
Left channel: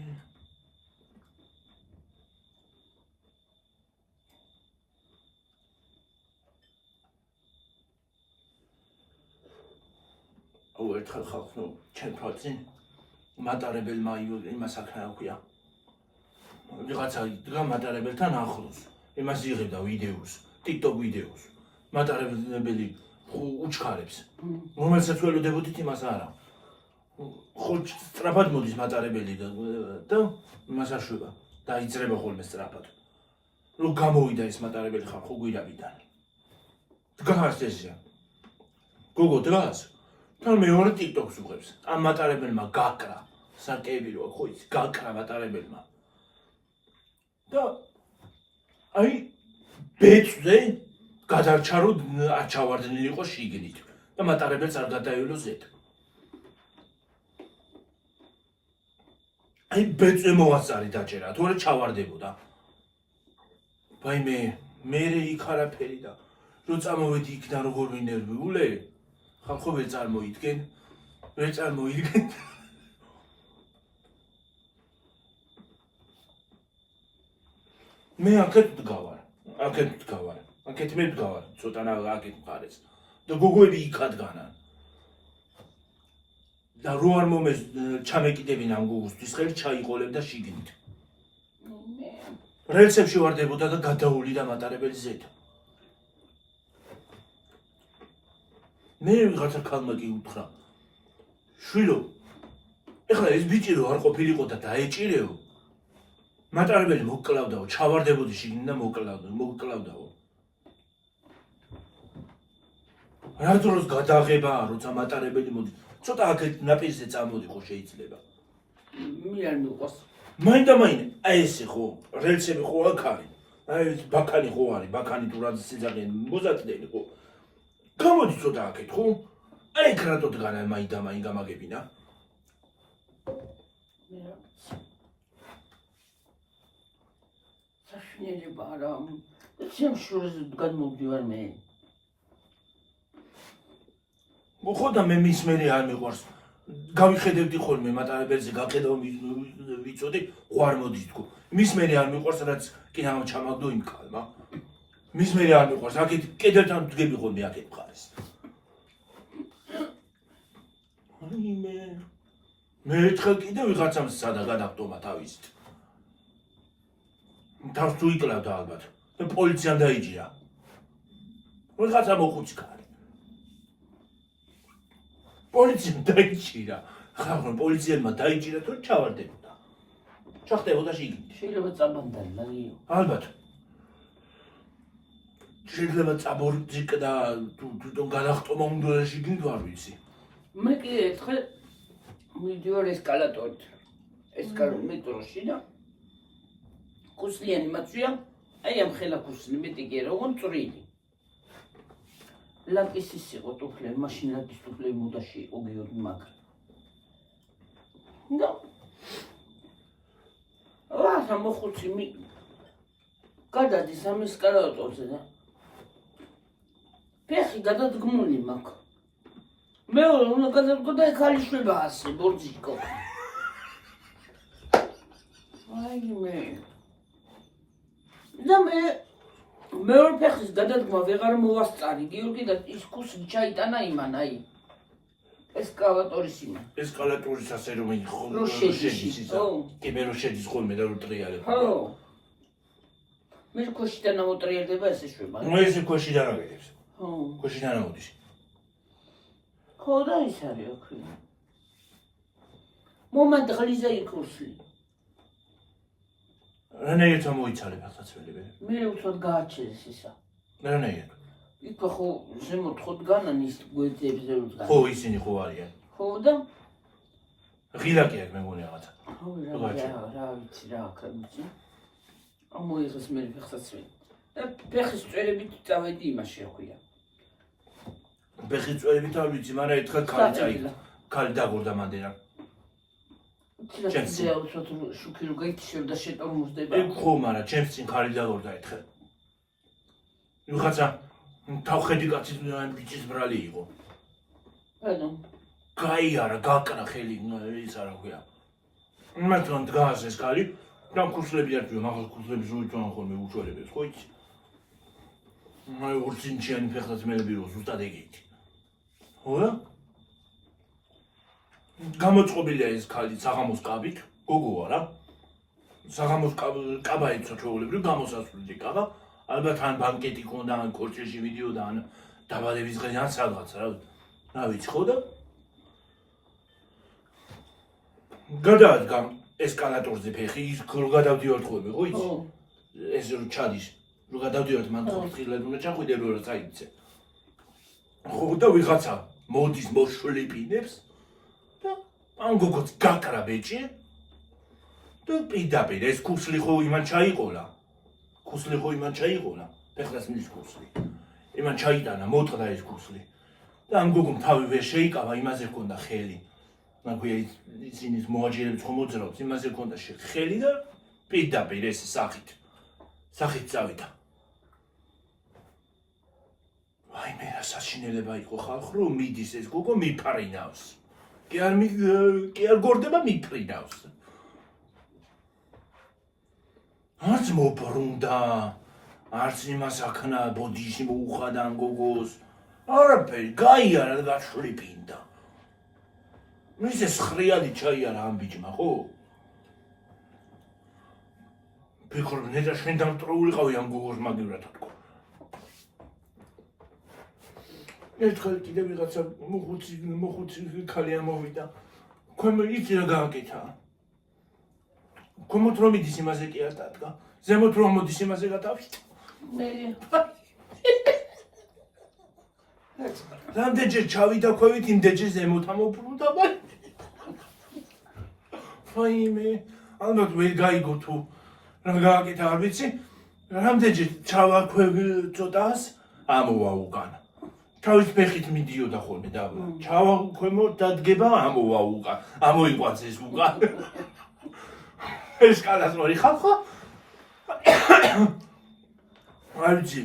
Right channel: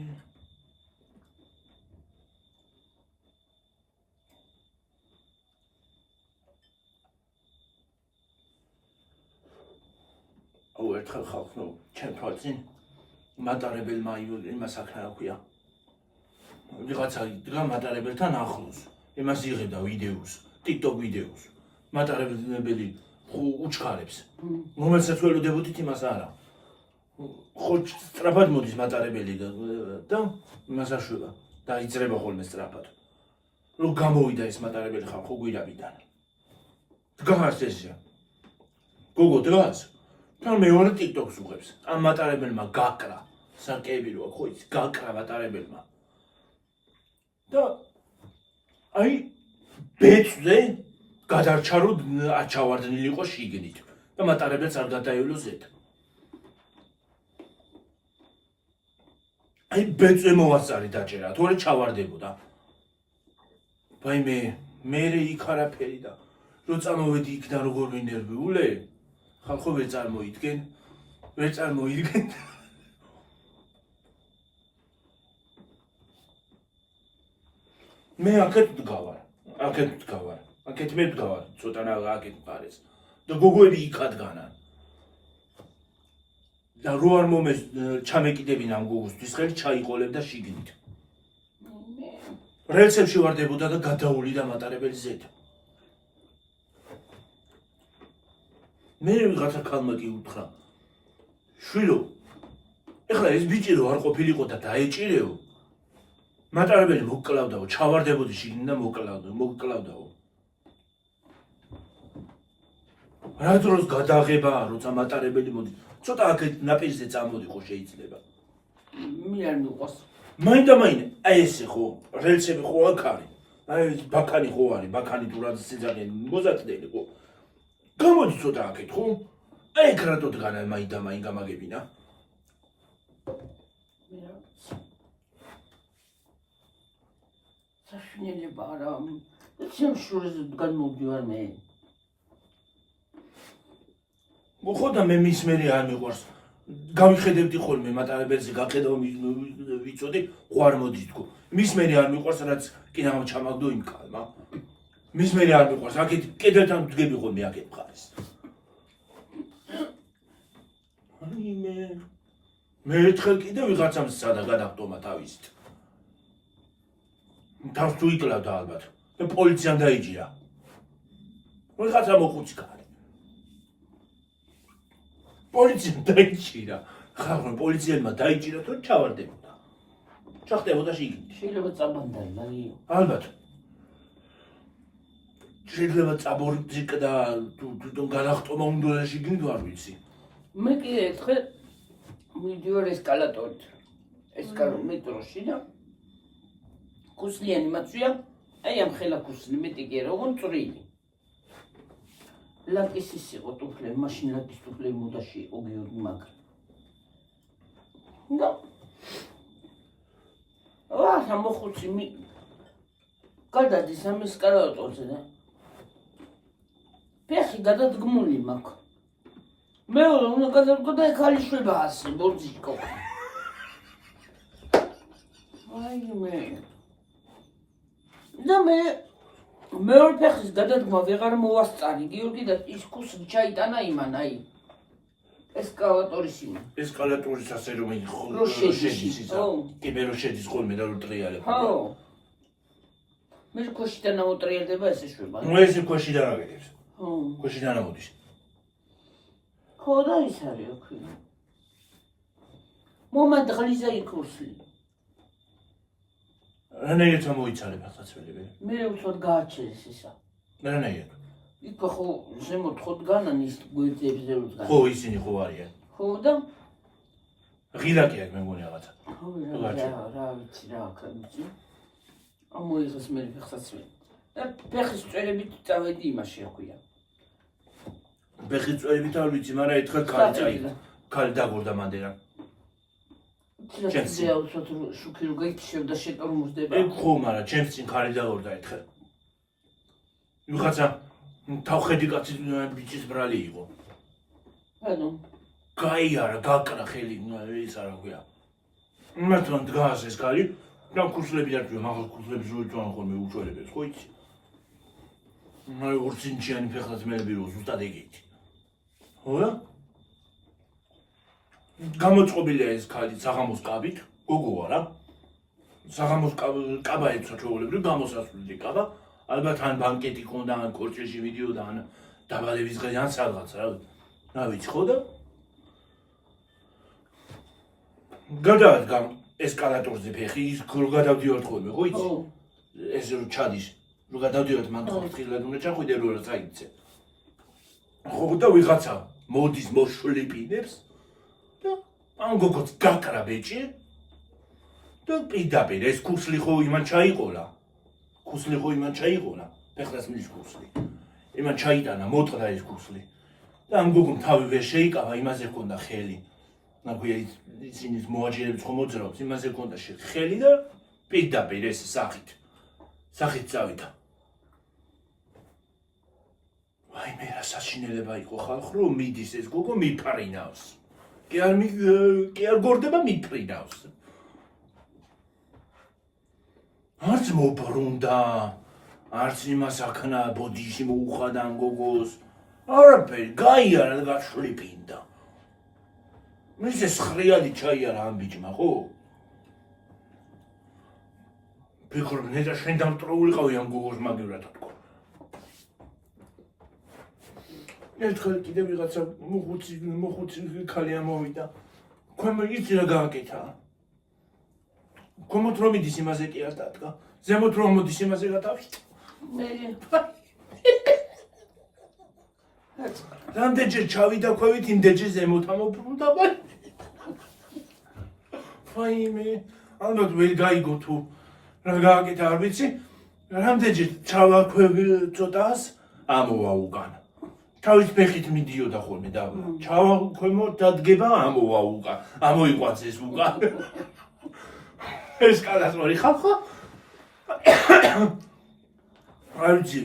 აუ ერთხელ ხალხო ჩემ თვალწინ მატარებელმა იმას აქნა რა ქვია ვიღაცა იდგა მატარებელთან ახლოს იმას იღებდა ვიდეოს TikTok ვიდეოს მატარებელი უჩქარებს რომელსაც ველოდებოდით იმას არა ხო სწრაფად მოდის მატარებელი და იმას აშვება დაიძრება ხოლმე სწრაფად რომ გამოვიდა ეს მატარებელი ხალხო გვირაბიდან დგას ესია გოგო დგას თან მეორე TikTok-ს უღებს ამ მატარებელმა გაკრა საკები რო ხო იცი გაკრა მატარებელმა და აი ბეწზე გადარჩა რომ არ ჩავარდნილი იყო შიგნით და მატარებელს არ გადაევლო ზედ აი ბეწზე მოასწარი დაჭერა თორე ჩავარდებოდა ვაიმე მე იქ არაფერი და რო წამოვედი იქიდან როგორ ვინერვიულე ხალხო ვერ წარმოიდგენ მე აქეთ ვდგავარ აქეთ მე ვდგავარ ცოტა აქეთ მხარეს და გოგოები იქ ადგანან და რო არ მომეს ჩამეკიდებინა ამ გოგოსთვის ხელი ჩაიყოლებდა შიგნით რელსებში ვარდებოდა და გადაულიდა მატარებელი ზედ მე ვიღაცა ქალმა კი უთხრა შვილო ეხლა ეს ბიჭი რო არ ყოფილიყო და დაეჭირეო მატარებელი მოკლავდაო ჩავარდებოდი შიგნით და მოკლავდაო რა დროს გადაღებაა როცა მატარებელი მოდის ცოტა აქეთ ნაპირზე წამოდიყო შეიძლება მე არ მიყვარს მაინდა აი ესე ხო რელსები ხო აქ არის აი ბაქანი ხო არის ბაქანი თუ რა ზეგან მოზაწდელი ხო გამოდი ცოტა აქეთ ხო აი ეგ რატო დგანა მაინდა გამაგებინა საშინელება არა ჩემ შურზე დგან მოვდივარ მე ხო და მე მის მერე არ მიყვარს გამიხედებდი ხოლმე მატარებელზე გახედავ ვიცოდი ყوار მოდის თქო მის მერე არ მიყვარს რაც კიდევ ჩამაგდო იმ კალმა მის მერე არ მიყვარს აქეთ კედელთან ვდგები ხოლმე აქეთ მხარეს აი მე ერთხელ კიდე ვიღაცამ სადა გადახტომა თავისით თავს თუ იკლავდა ალბათ და პოლიციამ დაიჭირა ვიღაცა მოხუცი კარი პოლიციამ დაიჭირა ხალხო პოლიციელმა დაიჭირა თუ ჩავარდებოდა ჩახტებოდა შიგნით შეიძლება წაბანდალი მაგიო ალბათ შეიძლება წაბორდიკდა თუ გადახტომა უნდა შიგნით არ ვიცი მე კი ერთხელ მივდივარ ესკალატორით მეტროში და კუსლიანი მაწვია აი ამ ხელა კუსლი მეტი კი არა ოღონდ წვრილი ლაკის ის იყო ტუფლე მაშინ ლაკის ტუფლე მოდაში იყო გეორგი მაგრამ და რა მოხუცი გადადის ამ ესკალატორზე და ფეხი გადადგმული მაქვს მეორე უნდა გადადგო და ქალიშვება ასე ბორძიკო აი მე და მეორე ფეხის გადადგმა ვეღარ მოვასწარი გიორგი და ის კუსლი ჩაიტანა იმან აი ესკალატორის იმან ესკალატორის ასე რომ იყო რო შედის კი მე რო შედის ხოლმე და რო ტრიალებ ხო მე ქოშიდან ამოტრიალდება ესე შვება ნუ ესე ქოშიდან აგეთებს ხო ქოშიდან ამოდის ხო და ის არის ოქი მომად ღლიზა იქურსლი რანაირად მოიცალე ფეხსაცმელები? მე უცოდ გააჩერეს ისა. რანაირად? იქ ხო ზემოთ ხოდგანან ის გვერდებზე უდგან. ხო, ისინი ხო არიან. ხო და ღილაკი აქვს მე მგონი რაღაცა. ხო რა ვიცი რა აქაც. ამოიღეს მე ფეხსაცმელი. და ფეხის წვერებით წავედი იმაში აქვია. ფეხის წვერებით არ ვიცი, მაგრამ ერთხელ ქალი წაიღო. ქალი დაგორდა მანდენა. ჩემს უცოდ შუქი რო გაიქცევდა შეტორმუსდება. ეგ ხო, მაგრამ ჩემს წინ ქალი დაგორდა ერთხელ. ვიღაცა თავხედი კაცი ბიჭის ბრალი იყო. ანუ გაიარა, გაკრა ხელი, ის არა ქვია. მართლა დგას ეს ქალი, და ქუსლები არ ქვია, მაგალ ქუსლებს უიწვან ხოლმე უჩვენებს, ხო იცი? აი ორცინჩიანი ფეხსაცმელები რო ზუსტად ეგეთი. ხო? გამოწყობილია ეს ქალი საღამოს კაბით, გოგო არა. საღამოს კაბა ეცო ჩვეულებრივ გამოსასვლელი კაბა. ალბათ ან ბანკეტი ქონდა, ან კორჭეში მიდიოდა, ან დაბადების დღე, ან სადღაც რა ვიცი ხო და გადაადგა ესკალატორზე ფეხი, ის რო გადავდივართ ხოლმე, ხო იცი? ეს რო ჩადის, რო გადავდივართ მან ხილად უნდა ჩახვიდე რო რა წაიქცე. ხო და ვიღაცა მოდის მოშლიპინებს და ამ გოგოც გაკრა ბეჭი და პირდაპირ ეს ქუსლი ხო იმან ჩაიყოლა. ქუსლი ხო იმან ჩაიყოლა, ფეხსაცმლის ქუსლი. იმან ჩაიტანა, მოტყდა ეს ქუსლი. და ამ გოგომ თავი ვერ შეიკავა, იმაზე ჰქონდა ხელი. აქვე ისინი მოაჯერებს ხომ მოძრაობს, იმაზე ჰქონდა ხელი და პირდაპირ ეს სახით წავიდა. აი მე რა საშინელება იყო ხალხ რომ მიდის ეს გოგო მიფარინავს. კი არ გორდება მიფრინავს. არც მობრუნდა, არც იმას აქნა ბოდიში მოუხადა ამ გოგოს. არაფერი, გაიარა და გაშლიფინდა. მის ეს ხრიალი ჩაიარა ამ ბიჭმა, ხო? ფიქრობ, ნეტა შენ დამტროულიყავი ამ გოგოს მაგივრად თქო. ერთხელ კიდე ვიღაცა მოხუცი ქალი ამოვიდა. ქვემო იცი რა გააკეთა? ქვემოთ რომ მიდის იმაზე კი არ დადგა. ზემოთ რომ მოდის იმაზე გადავით. რამდენჯერ ჩავიდა ქვევით, იმდენჯერ ზემოთ ამობრუნდა მაგრამ ვაიმე, ალბათ ვერ გაიგო თუ რა გააკეთა არ ვიცი. რამდენჯერ ჩავა ცოტას ამოვა უკან. თავის ფეხით მიდიოდა ხოლმე და ჩავა ქვემოთ დადგება ამოვა უკან. ამოიყვანს ეს უკან. ეს კალასმორი ხალხო. არ ვიცი,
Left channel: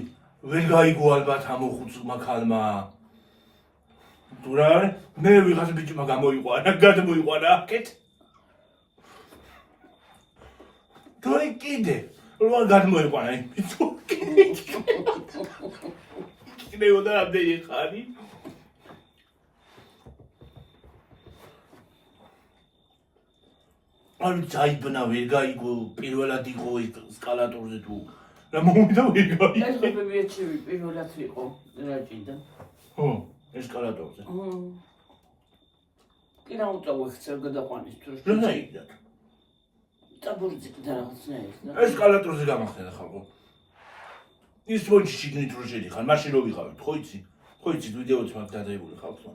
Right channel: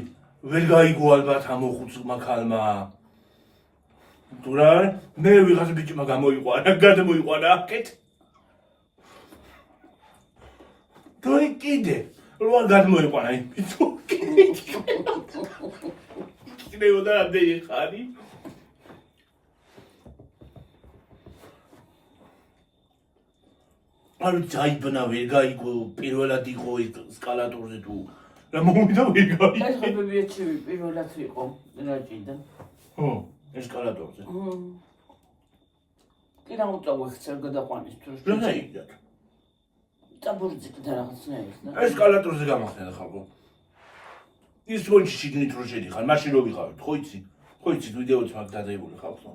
ვერ გაიგო ალბათ ამოხუცმა ქალმა. თუ რა არის, მე ვიღაც ბიჭმა გამოიყვანა, გადმოიყვანა აქეთ. თუ კიდე, რა გადმოიყვანა იმ ბიჭო. კიდევ და ამდენი ხარი. არ დაიბნა ვერ გაიგო, პირველად იყო ესკალატორზე თუ რა მომიდა ვერ გაიგო. ეს ხებებიეთში პირველად იყო რაჭიდან. ხო, ესკალატორზე. კი რა უწავო ხცერ გადაყვანის თუ რა დაიგდათ? წაბურძიკდა რაღაცნაირად. ესკალატორზე გამახსენდა ხალხო. ის ფონჩი შიგნით რო შედიხარ, მაშინ რო ვიყავით, ხო იცი? ხო იცი, ვიდეოც მაგ დაძებული ხალხო.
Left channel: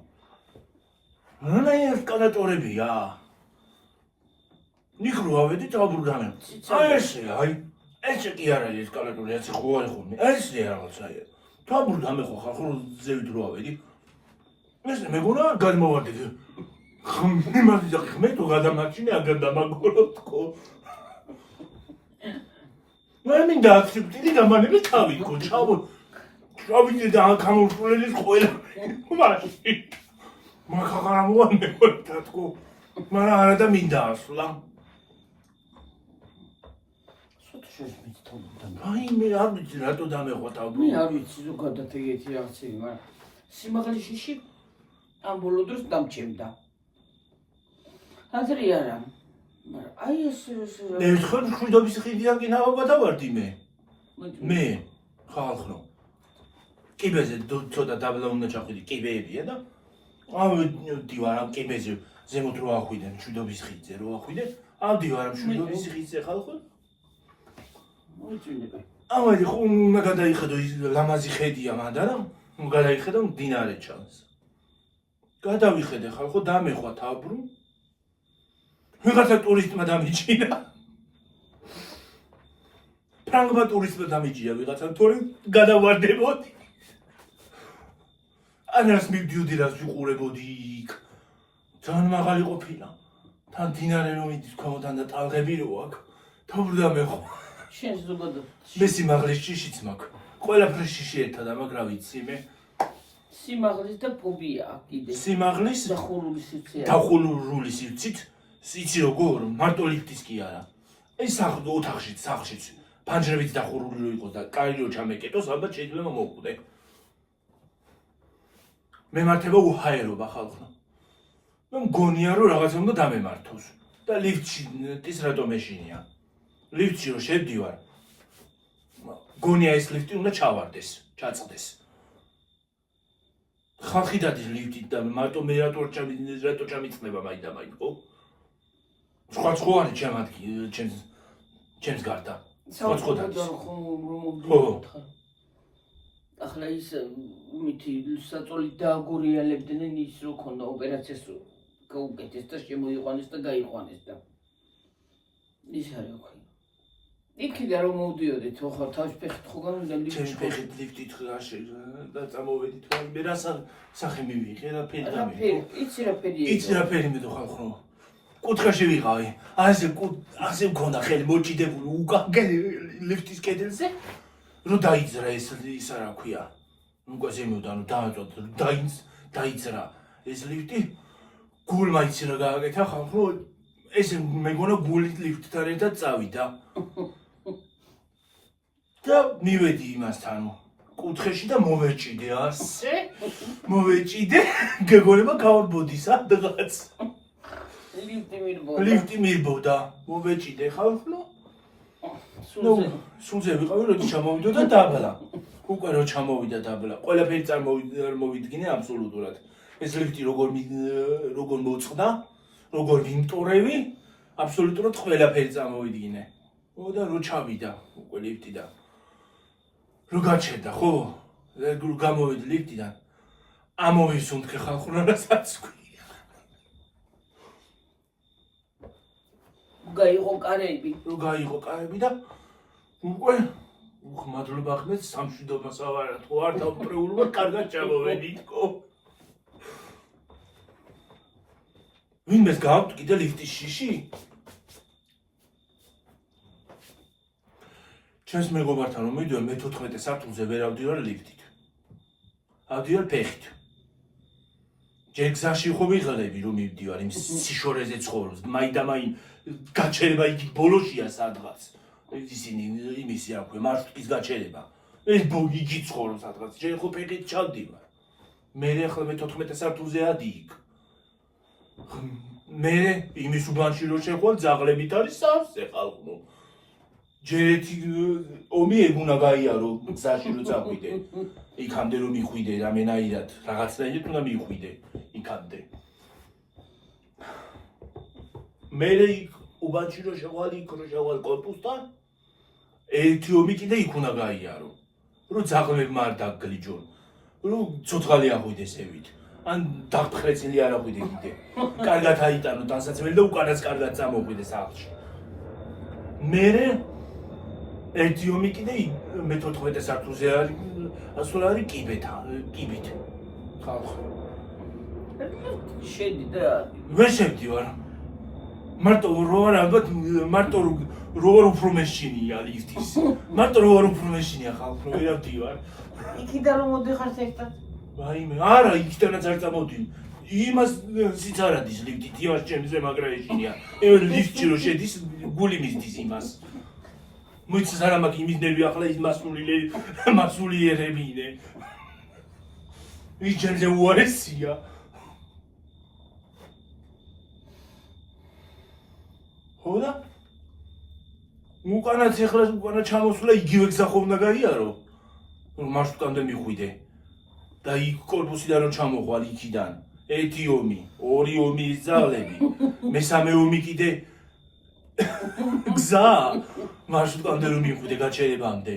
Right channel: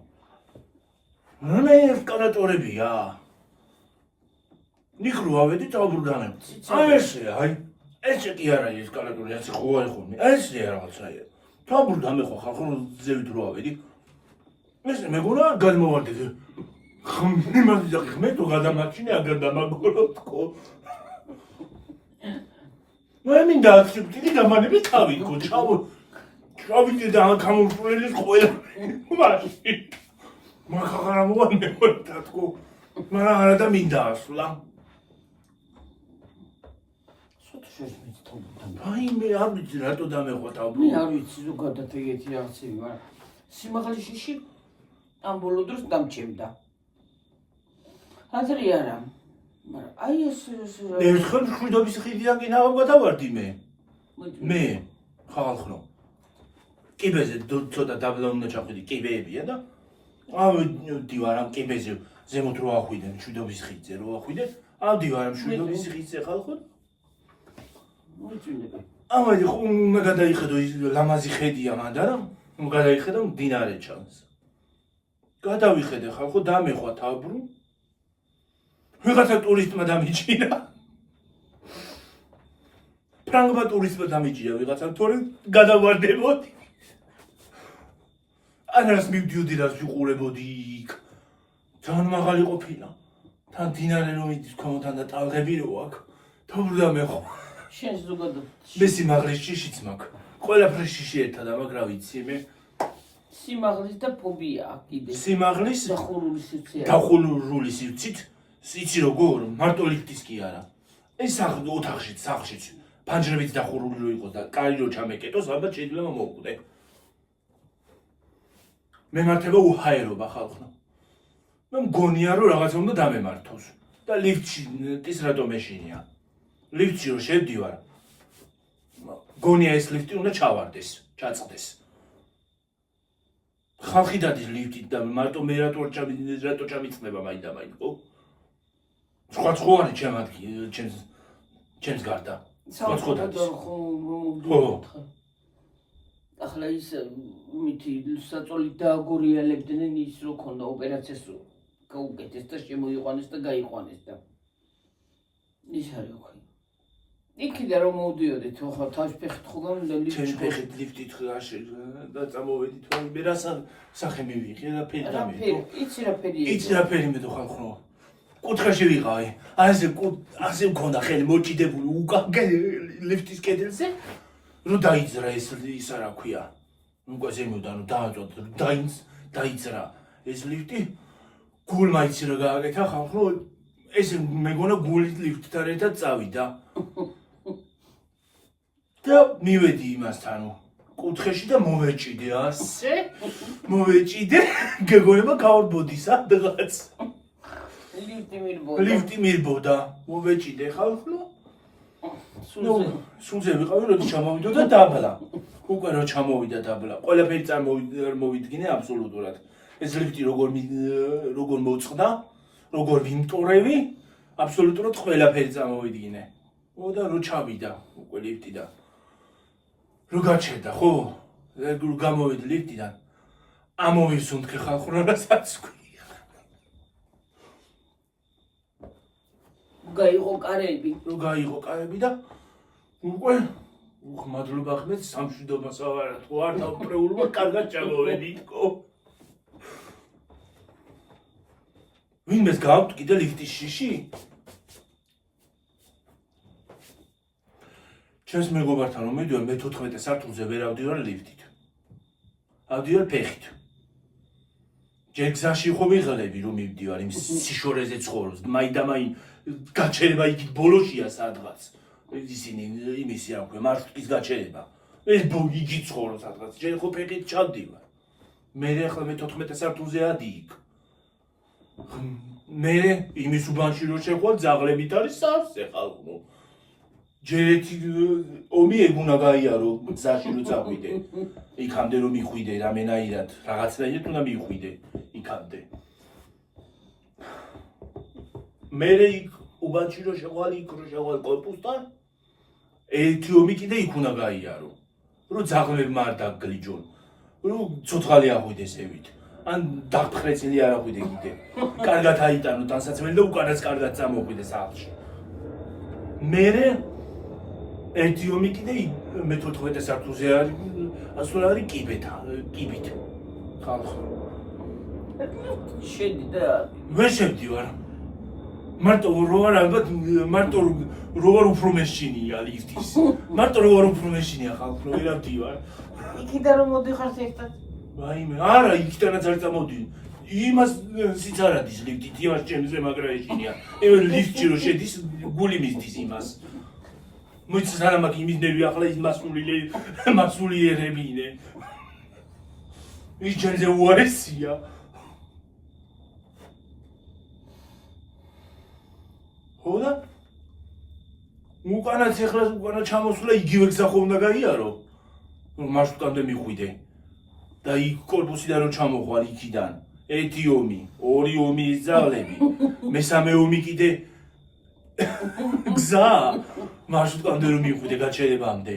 რა ესკალატორებია? ნიქრო ავედი თავბრუდანებ. აი ესე, აი ესე კი არ არის ესკალატორი, ასე ხო არის ხოლმე. ესე რაღაცაა. თავბრუდანე ხო ხალხო ზევით რო ავედი. ესე მეგონა გადმოვარდი. ხმი მაგიდა ხმე თუ გადამაჩინე აგერ დამაგორო თქო. მე მინდა აქციპტი გამანები თავიქო, ჩავიდე და გამოვსვლელი ყველა. მაშინ. მაგაღარა მოანე თქო. მაგრამ არა და მინდა ასვლა. აი მე არ ვიცი რატო დამეყვა თავბრუ. მე არ ვიცი ზოგადად ეგეთი რაღაცები, მაგრამ სიმაღლეში ამ ბოლო დროს დამჭირდა. აზრი არა. მაგრამ აი ეს ერთხელ შვიდობის ხიდიდან კი გადავარდი მე. მე ხალხო. კიბეზე ცოტა დაბლა უნდა ჩახვიდი, კიბეებია და ავდივარ ამ კიბეზე ზემოთ რო ახვიდენ შვიდობის ხიდზე რო ახვიდენ, ავდივარ ამ შვიდობის ხიდზე ხალხო. მოიწვინება. ამაი ხო უნდა გადაიხედო ის ლამაზი ხედია მანდა რა. გადაიხედო მდინარე ჩანს. გადავიხედე ხალხო დამეხვა თავბრუ. ვიღაცა ტურისტმა დამიჭირა. ფრანგმა ტურისტმა დამიჭირა ვიღაცა თორე გადავარდებოდი. ანას მივდიოდი რას ვიყურებოდი იქ. ძალიან მაღალი ყოფილა. თან მდინარე რომ მიდის ქვემოდან და ტალღები რო აქ. თავბრუ დამეხვა. შენს ზოგადად მე სიმაღლის შიშიც მაქვს. ყველაფერი შიში ერთად ამაგრა ვიცი მე. სიმაღლის და ფობია აქვს კიდე. სიმაღლის დახურული სივრცე. დახურული სივრცით, იცი როგორ, მარტო ლიფტის კი არა. ეს ოთახშიც, სახლშიც, ფანჯრებით დახურული რო იყოს და კარი რო ჩამეკეტოს, ალბათ შეიძლება მოვკვდე. მემართება უჰაერობა ხალხო. მე მგონია რომ რაღაცა უნდა დამემართოს და ლიფტში ის რატო მეშინია. ლიფტში რო შევდივარ, გონია ეს ლიფტი უნდა ჩავარდეს, ჩაწყდეს. ხალხი დადის ლიფტით და მარტო მე რატო ჩამიწნება მაინდა-მაინც, ხო? სხვა არის ჩემს გარდა. სხვა და ხო. ახლა ის მითი საწოლით დააგორიალებდნენ ის რო ქონდა ოპერაციას გაუკეთეს და შემოიყვანეს და გაიყვანეს და ის არის ოქი. იქიდან რომ მოვდიოდით, ხო თავის ფეხით ხო გამოდა ჩემს ფეხით ლიფტით ხაში და წამოვედით, მე რა სახე მივიღე რა ფერი დამიდო. იცი რა ფერია? იცი რა ფერი მიდო ხალხო. კუთხეში ვიყავი. ასე მქონდა ხელი მოჭიდებული უკან ლიფტის კედელზე. რო დაიძრა ის რა ქვია. უკვე ზემოდან დაიძრა ეს ლიფტი. გულმა იცი რა გააკეთა ხალხო. ეს მეგონა გულით ლიფტთან ერთად წავიდა. და მივედი იმასთან კუთხეში და მოვეჭიდე ასე. მოვეჭიდე, გეგონება გავარბოდისა დღაც. ლიფტი მირბოდა. მოვეჭიდე ხალხო. სულზე ვიყავი, როდის ჩამოვიდო და დაბლა. უკვე რო ჩამოვიდა დაბლა. ყველაფერი წარმოვიდგინე აბსოლუტურად. ეს ლიფტი როგორ მოწყდა, როგორ ვიმტორევი, აბსოლუტურად ყველაფერი წარმოვიდგინე. და რო ჩავიდა უკვე ლიფტიდან. რო გაჩერდა, ხო? რო გამოვიდი ლიფტიდან. ამოვისუნთქე ხალხო რასაც ქვია. გაიღო კარები. რო გაიღო კარები და უკვე მადლობა ხმეთ სამშვიდობა სავარად ხო არ დავტრეულობა კარგად ჩამოვედითო. ვინმეს გააქვთ კიდე ლიფტის შიში? ჩემს მეგობართან რომ მივდივარ მე 14 სართულზე ვერ ავდივარ ლიფტით. ავდივარ ფეხით. ჯერ გზაში ხო ვიღალები რომ მივდივარ იმ სიშორეზე ცხოვრობს. მაინდა-მაინ გაჩერება იქ ბოლოშია სადღაც. ისინი იმისი აქვე მარშრუტის გაჩერება. ეს იგი ცხოვრობს სადღაც. ჯერ ხო ფეხით ჩავდივარ. მე ახლა მე 14 სართულზე ადიქ. მე იმის უბანში რო შეხვალ ძაღლებით არის სავსე ხალხო. ჯერ ერთი ომი ეგუნა გაიარო გზაში რო წახვიდე. იქამდე რომ მიხვიდე რამენაირად, რაღაცნაირად უნდა მიხვიდე იქამდე. მე იქ უბანში რო შეხვალ იქ რო შეხვალ კორპუსთან ერთი ომი კიდე იქ უნდა გაიარო. რო ძაღლებმა არ დაგგლიჯონ. რო ცოცხალი აღვიდეს ევით. ან დაფხრეცილი არ აღვიდე კიდე. კარგად აიტანო დასაცმელი და უკანაც კარგად წამოგვიდე სახლში. მე ერთი ომი კიდე მე 14 სართულზე არის, ასულ არის კიბით. ხალხო. შედი და ვერ შევდივარ. მარტო რო არ ალბათ მარტო რო არ უფრო მეშინია ლიფტის. მარტო რო არ უფრო მეშინია ხალხო, ვერ ავდივარ. იქიდან რომ მოდიხარ ერთად? ვაიმე, არა, იქიდანაც არ წამოდი. იმას სიც არ ადის ლიფტით, იმას ჩემზე მაგრა ეშინია. ლიფტში რო შედის, გული მისდის იმას. მოიცეს არა მაგ იმის ნერვი ახლა ის მასულიერებინე. ის ჩემზე უარესია. ხო და? უკანაც ეხლა უკანა ჩამოსვლა იგივე გზა ხო უნდა გაიარო. რომ მარშრუტამდე მიხვიდე. და იქ კორპუსიდან რომ ჩამოხვალ იქიდან. ერთი ომი, ორი ომი ის ძაღლები. მესამე ომი კიდე გზა. მარშრუტამდე რომ მივხვიდე გაჩერებამდე.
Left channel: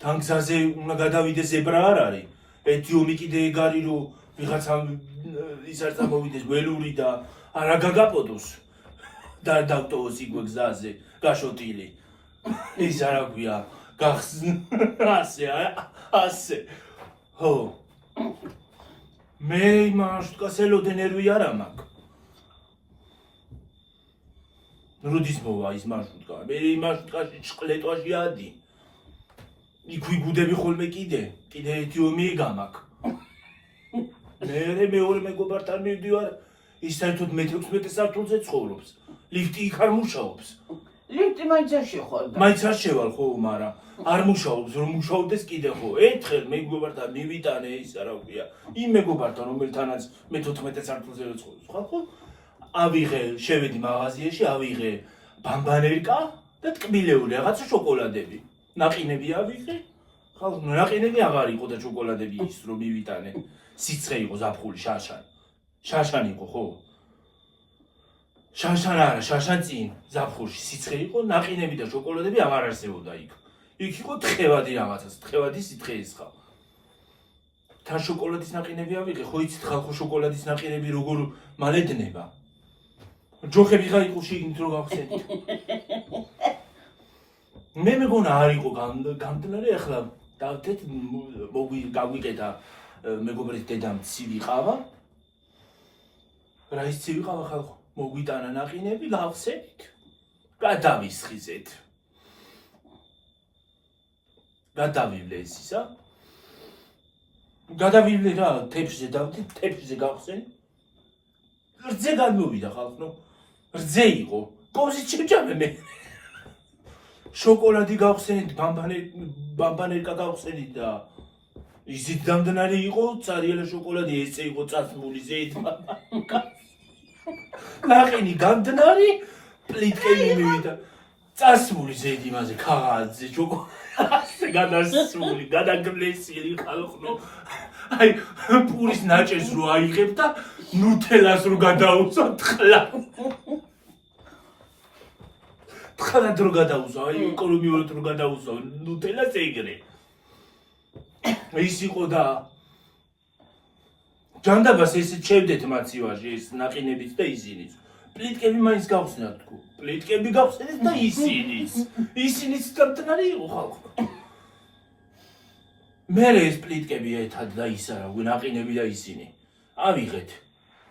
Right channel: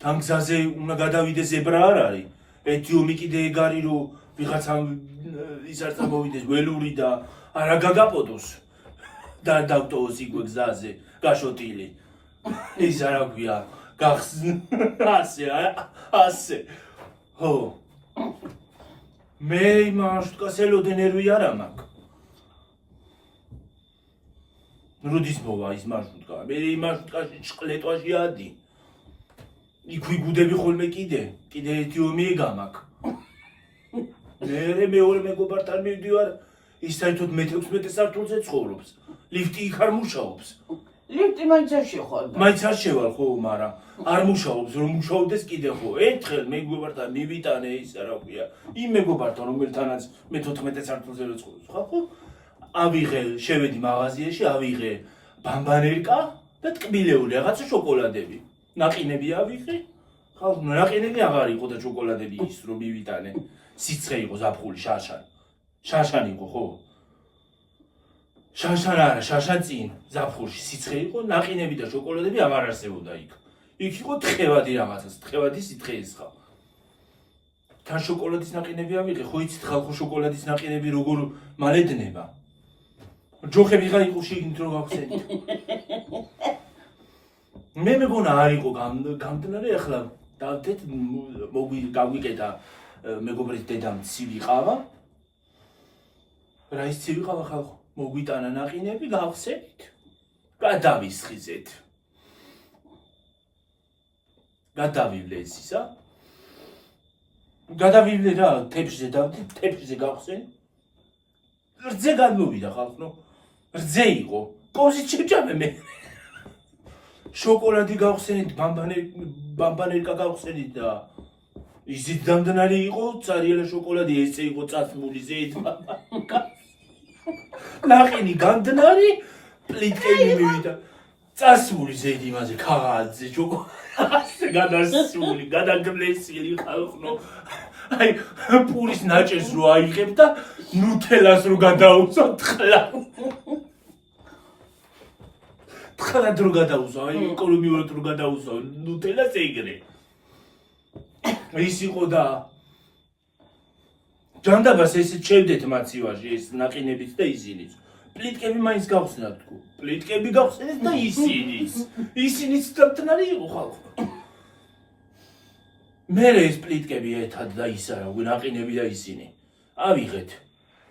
თან გზაზე უნდა გადავიდე ზებრა არ არის. ეთიომი კიდე ეგ არის რომ ვიღაცამ ის არ წამოვიდეს ველური და არა გაგაპოდოს. და დავტოვოს იქვე გზაზე გაშოტილი. ის არა გვია ასე. ხო. მე მარშრუტკას ელოდე ნერვი არა მაქვს. როდის მოვა ის მარშრუტკა? მე მარშრუტკაში ჭყლეტვაში ადი. იქ ვიგუდები ხოლმე კიდე ეთიომი ეგამაკ. მე მეორე მეგობართან მივდივარ, ის საერთოდ მე-16 სართულზე ცხოვრობს. ლიფტი იქ არ მუშაობს. ლიფტი მაინც არ შეხვდა. მაინც არ შევალ ხო, მაგრამ არ მუშაობს, რომ მუშაობდეს კიდე ხო. ერთხელ მეგობართან მივიტანე ის რა ქვია. იმ მეგობართან რომელთანაც მე-14 სართულზე რო ცხოვრობს, ხო? ავიღე, შევედი მაღაზიაში, ავიღე ბამბანერკა და ტკბილეული რაღაცა შოკოლადები. ნაყინები ავიღე. ხალხ, ნაყინები აღარ იყო და შოკოლადები ის რომ მივიტანე. სიცხე იყო ზაფხული, შაშან იყო, ხო? შაშან არა, შაშან წინ ზაფხულში სიცხე იყო, ნაყინები და შოკოლადები აღარ არსებობდა იქ. იქ იყო თხევადი რაღაცას, თხევადი სიცხე ისხა. თან შოკოლადის ნაყინები ავიღე, ხო იცით ხალხო შოკოლადის ნაყინები როგორ მალედნება. ჯოხები რა იყო შიგნით რო გავხსენით. მე მეგონა არ იყო გამდნარი, ახლა დავდეთ გაგვიკეთა მეგობრის დედამ ცივი ყავა. რა ის ცივი ყავა ხალხო? მოგვიტანა ნაყინები, გავხსენით. გადავისხიზეთ. გადავივლე ეს ისა. გადავივლე რა, თეფშზე დავდით, თეფშზე გავხსენით. რძე გადმოვიდა ხალხო. რძე იყო. კოზი შეჭამე მე. შოკოლადი გავხსენით, ბამბანერკა გავხსენით და ისიც დამდნარი იყო, цаრიალა შოკოლადი, ესე იყო წასმული ზეით. ნაყინი გამდნარი, პლიტკები მივიდა. წასმული ზეით იმაზე ქაღალდზე შოკოლადი გადასული, გადაგლესილი ხალხო. აი, პურის ნაჭერს რო აიღებ და ნუთელას რო გადაუწო თხლა. თხლად რო გადაუწო, აი, ეკონომიურად რო გადაუწო ნუთელას ეგრე. ის იყო და ჯანდაბას ესე ჩევდეთ მაცივაში ეს ნაყინებით და ისინიც. პლიტკები მაინც გავხსნათ თქო. პლიტკები გავხსნეთ და ისინიც დაბტნარი იყო ხალხო. მე ეს პლიტკები ერთად და ისა რა ნაყინები და ისინი. ავიღეთ.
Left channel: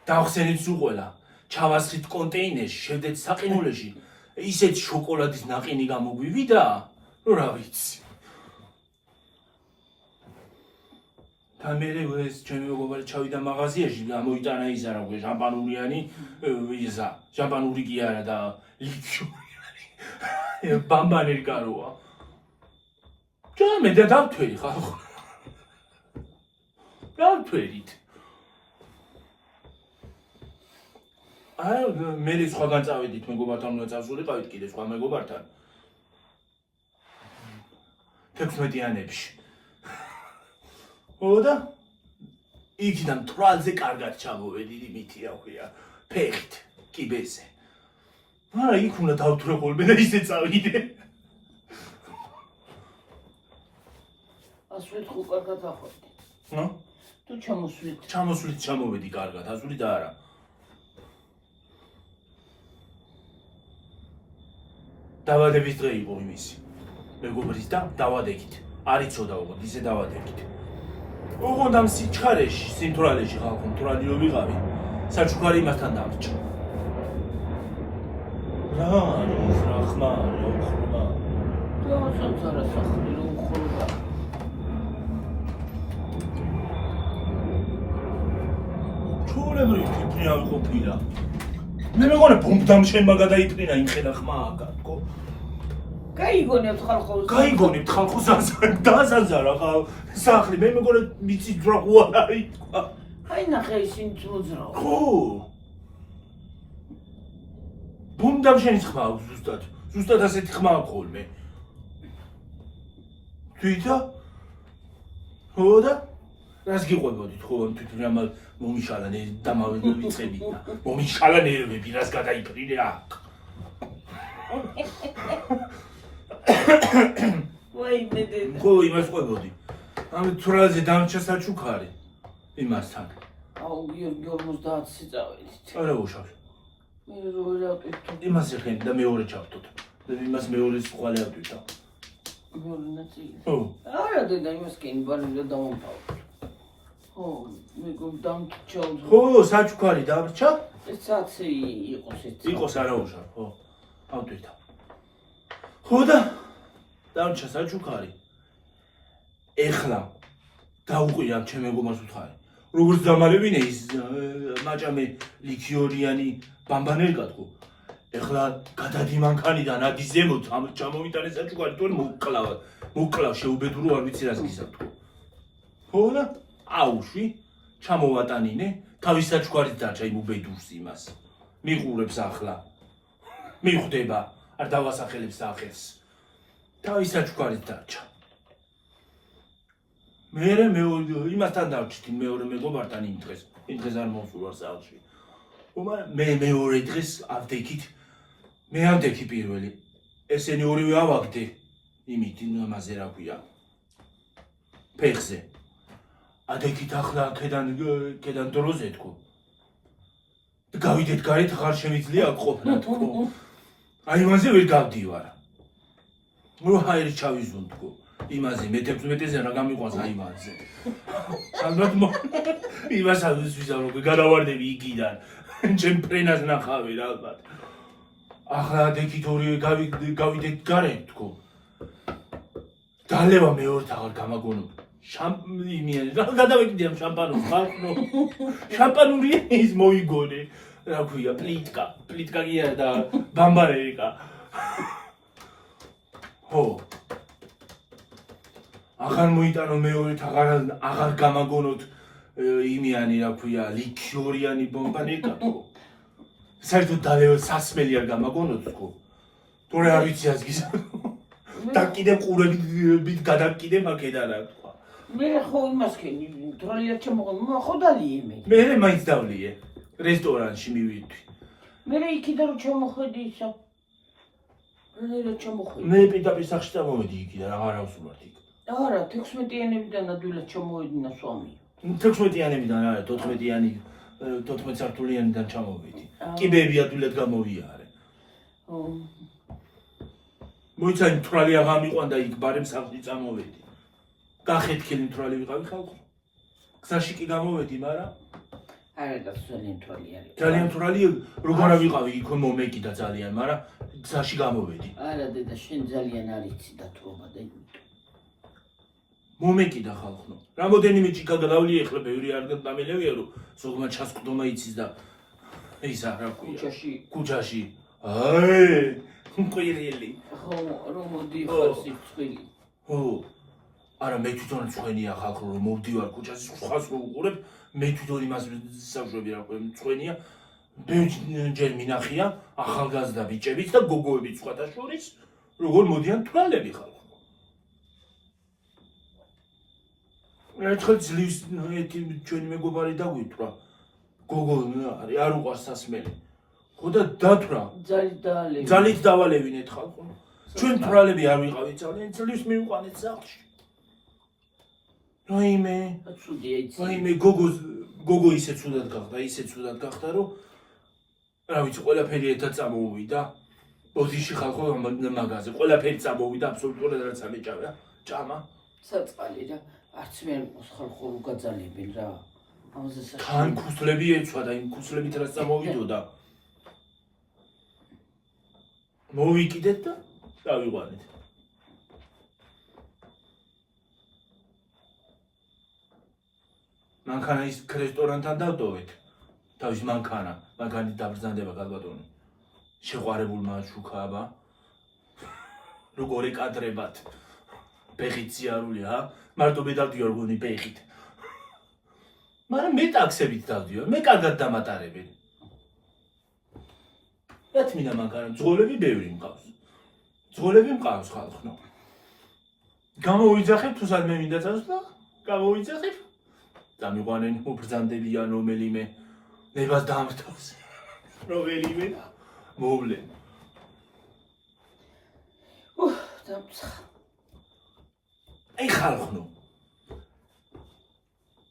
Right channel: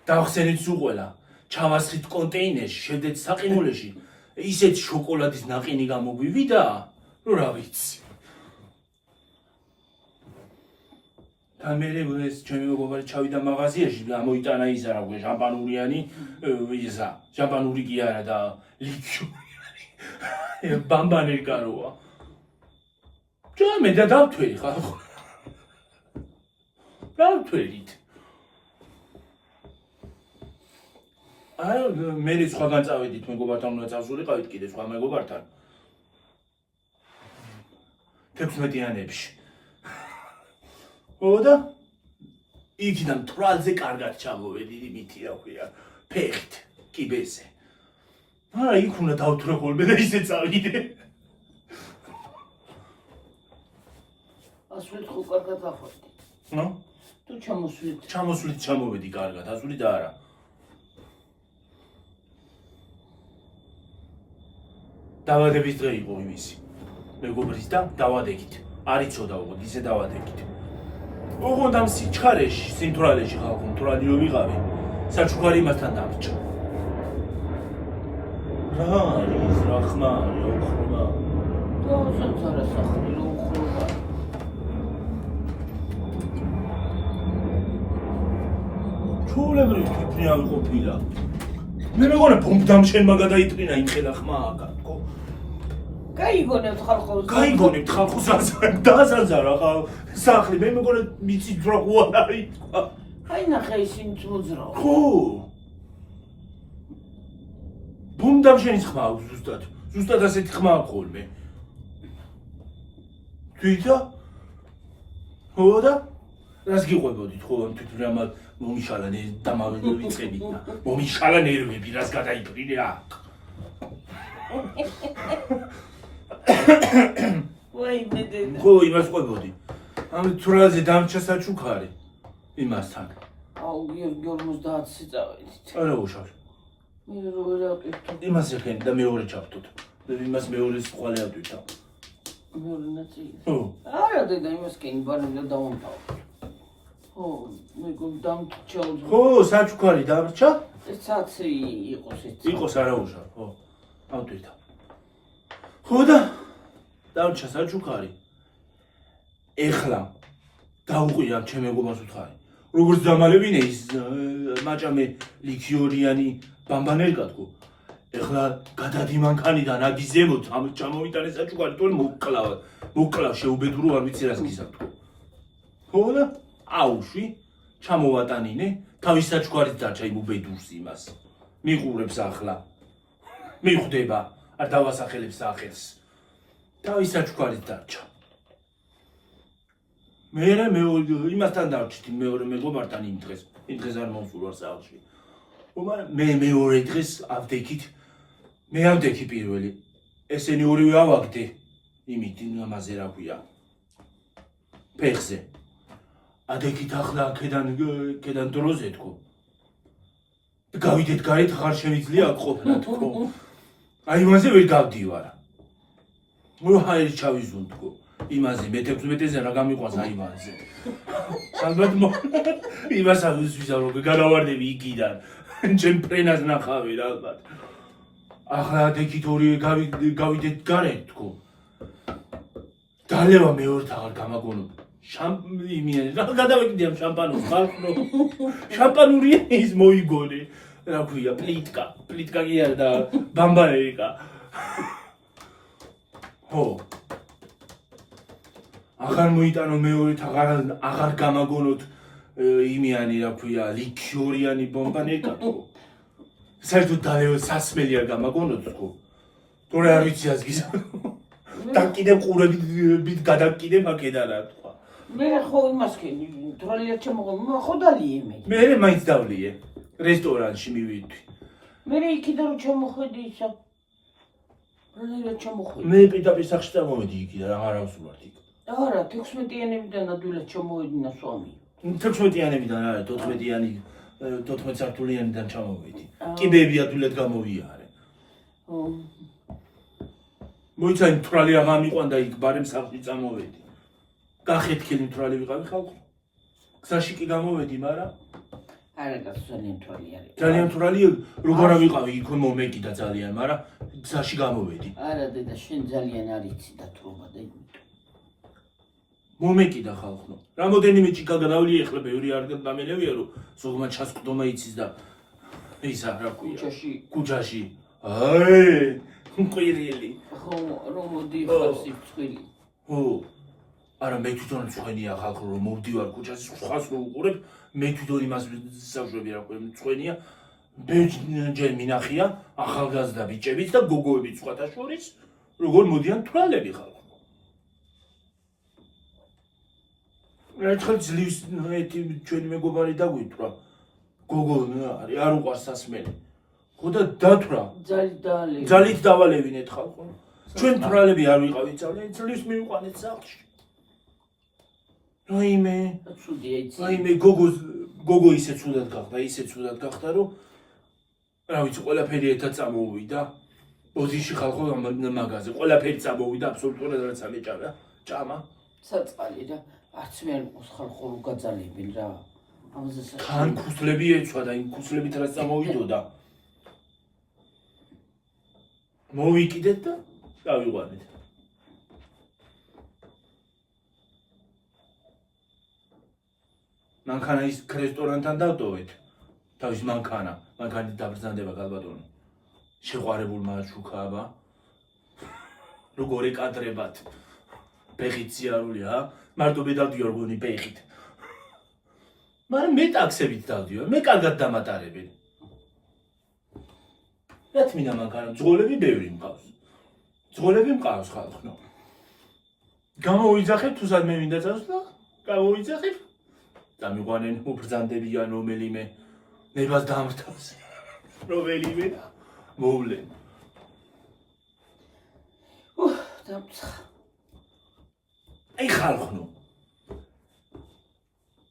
დავხსენით სულ ყველა. ჩავასხით კონტეინერში, შევდეთ საყინულეში. ისეთ შოკოლადის ნაყინი გამოგვივიდა, რომ რა ვიცი. და მე ეს ჩემი მეგობარი ჩავიდა მაღაზიაში და მოიტანა ისა რა ქვია შამპანურიანი ისა შამპანური კი არა და ლიქიორი ბამბანერკა როა ჯამე და დავთვერი ხალხო დავთვერით აი მე სხვაგან წავედით მეგობართან უნდა წავსულიყავით კიდე სხვა მეგობართან 16-იანებში ოდა იქიდან თვალზე კარგად ჩამოვედი იმითი რა ქვია ფეხით კიბეზე არა იქ უნდა დავთვრე ხოლმე და ისე წავიდე ასვლით ხო კარგად ახვევდი ნო თუ ჩამოსვლით ჩამოვედი კარგად ასვლით და არა დავადების დღე იყო იმისი მეგობრის და დავადეგით არ იცოდა უბრალოდ ისე დავადეგით ოღონდ ამ სიჩქარეში, სიმთვრალეში ხალხო, მთვრალი რომ ვიყავი, საჩუქარი იმასთან დამრჩა. რა არის, რა ხმა, რა უხრობა? დავასაც არა სახლი, რა უხრობა. ჩულებრივ თვითმფრინავი ყოფილა. მე მეგონა ბომბდამშენმა გადაიტყინა იმ ხედა ხმა აკაკო. გაიგონებთ ხალხო დასანძარა ხალხო სახლი მე მეგონა მიცით რა არის თქვა აი ნახე ისინი მოძრაო ხო ბუმდამშენის ხმა აქვს ზუსტად ასეთი ხმა აქვს ხოლმე თვითა ხო და რას გიყვებოდით ხო თვითონ ამ მომიშალა დამავიდე ვიწყებით და მომიშალა ნერვები რას გადაიფრინე აქ ვაიმე დედა. ხო იმას ყვებოდი. ამ თურალზე დამრჩა საჩუქარი იმასთან. აუ გიორგი 50-ზე წავედით. არა უშავს. მე როგორ ავტვით? იმას ეხენ და მეორე ჩავთოთ. იმას მეორეს ყვალე ავტვით. მეორე ნაწილი. ხო. არა დედა იმას კენ ბანი და დავამთავრე. ხო, მე გამდამჭა. ხო, საჩუქარი დამრჩა? ეს საათი იყოს ეს. იყოს არა უშავ, ხო. ავტვით. ხო და დამრჩა საჩუქარი. ეხლა დაუყია ჩემ მეგობარს უთხარი. როგორც დამალებინე ის მაჭამე ლიქიორიანი ბამბანერკატკო. ეხლა გადადი მანქანიდან ადის ზემოთ ამ ჩამოვიტანე საჩუქარი თორე მოკლავ შეუბედურო არ ვიცი რას გისაკეთო. ხო და აუში ჩამოვატანინე თავის საჩუქარით დარჩა იმ უბედურს იმას. მიყურებს ახლა. მიხვდება არ დავასახელებს ახერს. თავის საჩუქარით დარჩა. მე იმასთან დავჭით მეორე მეგობართან იმ დღეს არ მოვსულვარ სახლში. მე მეორე დღეს ავდექით მე ავდექი პირველი ესენი ორივე ავაგდე იმით იმაზე რა ქვია ფეხზე ადექით ახლა კედან დროზე თქო გავიდეთ გარეთ ხარ შემიძლია აქ ყოფნა თქო აი იმაზე ვერ გავდივარ ნუ ჰაერი ჩავიზუნ თქო იმაზე მე-16-ზე რა გამიყვანს აივანზე. ალბათ იმას ამის ვიზავრობ, განავარდები იქიდან. ჩემ ფრენას ნახავი რა ალბათ. ახლა ადექით ორივე გავიდეთ გარეთ თქო. დალევა მეორთ აღარ გამაგონო. იმიანი რა გადავეკიდე ამ შამპანოს ხალხო. შამპანური ის მოიგონე. რა ქვია პლიტკა კი არა და ბამბარერიკა. ხო აღარ მოიტანო მეორით აღარ გამაგონოთ იმიანი რა ქვია ლიქიორიანი ბომბანერკა თქო საერთოდ დალევა სასმელი არ გამაგონოთ თქო თორე არ ვიცი ას გისაკეთო და კიდე ყურებით გადაკიდებ აქედან რა თქვა მე ხო იმას კენი თვალია ჩამოღო ხო დალიე მე მაინც დავლიე რესტორანში მივიდვი მე იქიდან რომ ჩამოხედი ისა რა ჩამოხედი მე პირდაპირ სახში წამოვედი იქიდან აღარ ავსულვართ იქ არა 16-იანებიდან ადვილად ჩამოვედინა სვამი 16-იანებიდან არა 14 სართულიანიდან ჩამოვედი კიბეები ადვილად გამოვიარე მოიცა იმ თვრალი აღარ მიყვანდა იქ ბარემ სახლში წამოვედი გახეთქილი თვრალი ვიყავი ხალხო გზაში კი გამოვედი მაგრამ არა და ძალიან თვრალი არის ძალიან თვრალი როგორ ვიყავი იქ მომეკიდა ძალიან მაგრამ გზაში გამოვედი არა დედა შენ ძალიან არიცი დათრობა და მომეკიდა ხალხო რამოდენიმე ჭიქა გადავლი ეხლა ბევრი არ დამელევია რომ ზოგმა ჩასკდომა იცის და ისა რა ქვია კუჩაში აი ყვირილი ხო რომ მოდი ხარს იწვილი ხო არა მე თვითონ წვენია ხალხო რომ მოვდივარ კუჩაში ხას რო უყურებ მე თვითონ იმას საუბრები რა ქვია წვენია ბევრჯერ მინახია ახალგაზრდა ბიჭებიც და გოგოებიც სხვათა შორის როგორ მოდიან თვალები ხალხო ერთხელ ძლივს ჩვენი მეგობარი დაგვითვრა გოგო არის არ უყარს სასმელი ხო და დათვრა ძალით დავალევინეთ ხალხო ჩვენ თვალები არ ვიყავით ძალიან ძლივს მივიყვანეთ სახლში რაიმე გოგო ისე ცუდად გახდა რომ რა ვიცი ყველაფერი ერთად წამოვიდა ოზიში ხალხო მაგაზე ყველაფერი წამოვიდა აბსოლუტურად რაც ამეჭამა ჭამა საწყალი რა არც მე არ მყავს ხალხო რო გაძალებენ რა ამაზე თან ქუსლები ეცვა და იმ ქუსლებით რაც წამოვიდოდა მოვიკიდეთ და დავიყვანეთ მანქანა ის რესტორანთან დავტოვეთ თავის მანქანით დაბრძანდება გალბატონი შეყვარებულმა შუქააბა როგორ ეკადრებათ ფეხით სიარულია მარტო მე დავდივარ გონი ფეხით მაგრამ მე ტაქსებით დავდივარ მე კარგად დამატარებენ რაც მინდა მანქანა ძღოლები ბევრი მყავს ხალხო გამოვიძახებ თუ სადმე მინდა წავს და გამოვიძახებ დამიყვანენ უბრძანდებიან რომელიმე ნებას დამრთავს რომელიმე მოვლენ დამცხა. აი ხალხნო.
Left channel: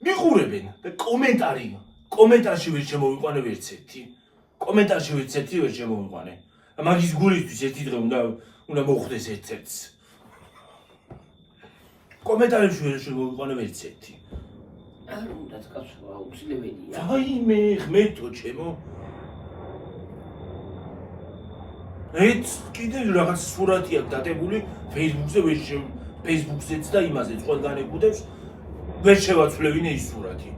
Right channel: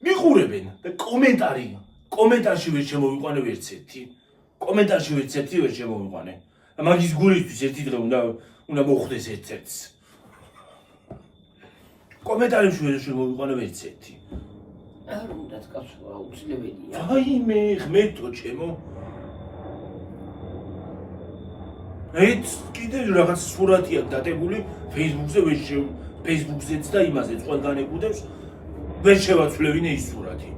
მიყურებენ და კომენტარში ვერ შემოვიყვანე ვერცერთი. კომენტარში ვერცერთი ვერ შემოვიყვანე. მაგის გულისთვის ერთი დღე უნდა მოხდეს ერთ-ერთს. კომენტარში ვერ შემოვიყვანე ვერცერთი. არ უნდა კაცო აუცილებელია. ვაიმე ღმერთო ჩემო. ეც კიდე რაღაც სურათია დადებული Facebook-ზეც და იმაზეც ყველგან ეკუდებს ვერ შევაცვლევინე ის სურათი.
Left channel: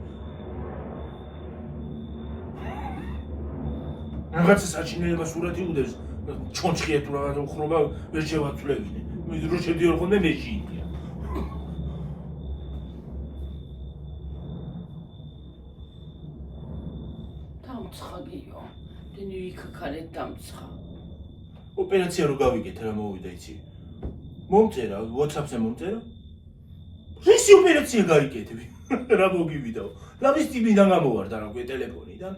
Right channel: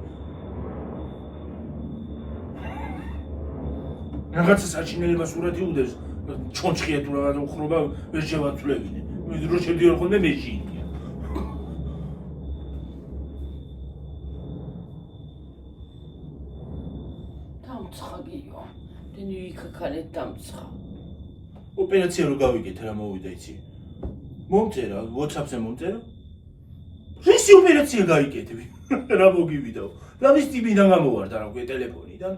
რაღაცა საჩინელება სურათი უდევს ჩონჩხია თუ რაღაც უხრობა ვერ შევაცვლევინე. რო შედიოდი ხოლმე მეში. დამცხაგიო. დენი ვიქაქალეთ დამცხა. ოპერაცია რო გავიგეთ რა მოვიდა იცი. მომწერა WhatsApp-ზე მომწერა. ისი ოპერაცია გაიგეთები. რა მოგივიდაო. ლამის ტიპიდან გამოვარდა რა გვე ტელეფონიდან.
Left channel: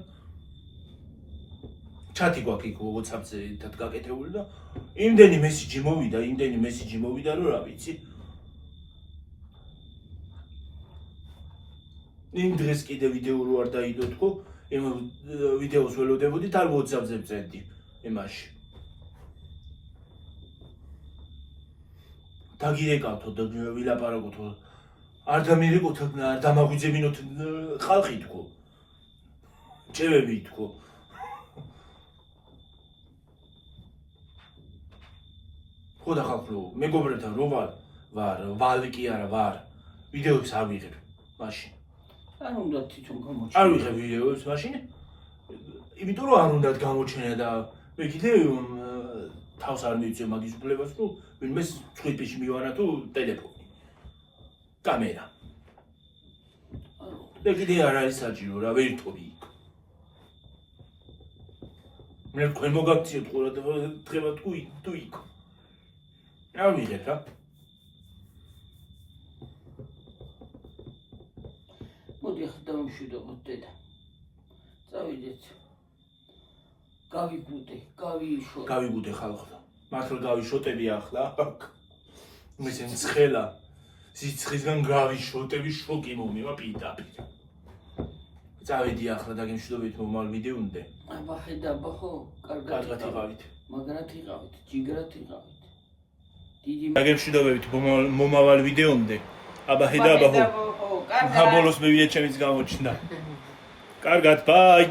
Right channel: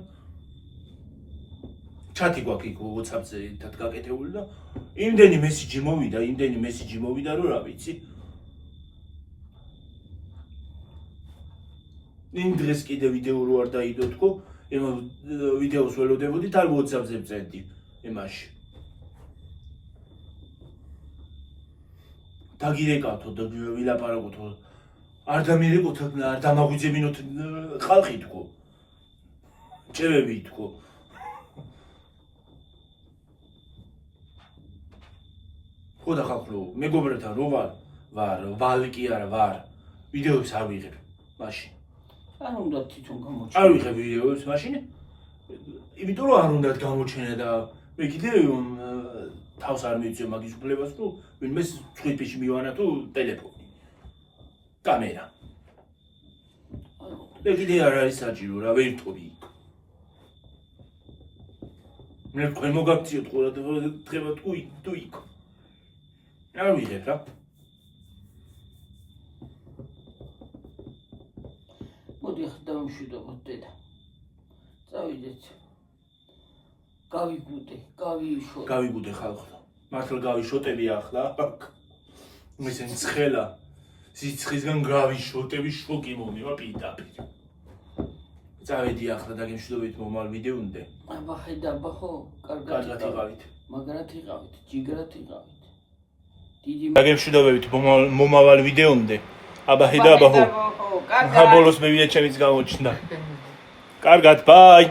ჩატი გვაქვს იქ WhatsApp-ზე ერთად გაკეთებული და იმდენი მესიჯი მოვიდა რომ რა ვიცი. იმ დღეს კიდე ვიდეო რო არ დაიდო თქო, იმ ვიდეოს ველოდებოდი და WhatsApp-ზე ვწერდი იმაში. დაგირეკავთო და ვილაპარაკოთო. არ დამირეკოთ, არ დამაგვიძებინოთ ხალხი თქო. ჭევები თქო. ხო და ხალხო, მეგობრებთან რო ვარ, ვალი კი არა ვარ. ვიდეოებს არ ვიღებ მაშინ. არ უნდა თვითონ გამოჩნდეს. არ ვიღებ ვიდეოებს მაშინ. იმიტომ რომ არ უნდა გამოჩენე და მე კიდე თავს არ მივიწევ მაგის უფლებას, რომ ვინმე წვიფიში მივანა თუ ტელეფონი. კამერა. მე კიდე არ არის საჭირო რა ვერ ვთხოვი. მე თქვენ მოგაქციოთ ყურადღება თუ იქ. არ ვიღებ რა. მოდი ახლა დავამშვიდობოთ დედა. წავიდეთ. გავიგუდე ხალხო. მართლა გავიშოტები ახლა. მისენ ცხელა. სიცხისგან გავიშოტები შოკი მომევა პირდაპირ. წავედი ახლა დაგემშვიდობებით მომავალ ვიდეომდე. აბა ხედაბა ხო? კარგად იყავით. მაგრად იყავით, ჯიგრად იყავით. დიდი დაგემშვიდობებით მომავალ ვიდეომდე. აბა ხედაბა ხო? კარგად. ბოლოს მე ვიდეო ჩემიც გამოჩნდა. კარგად, ბაი.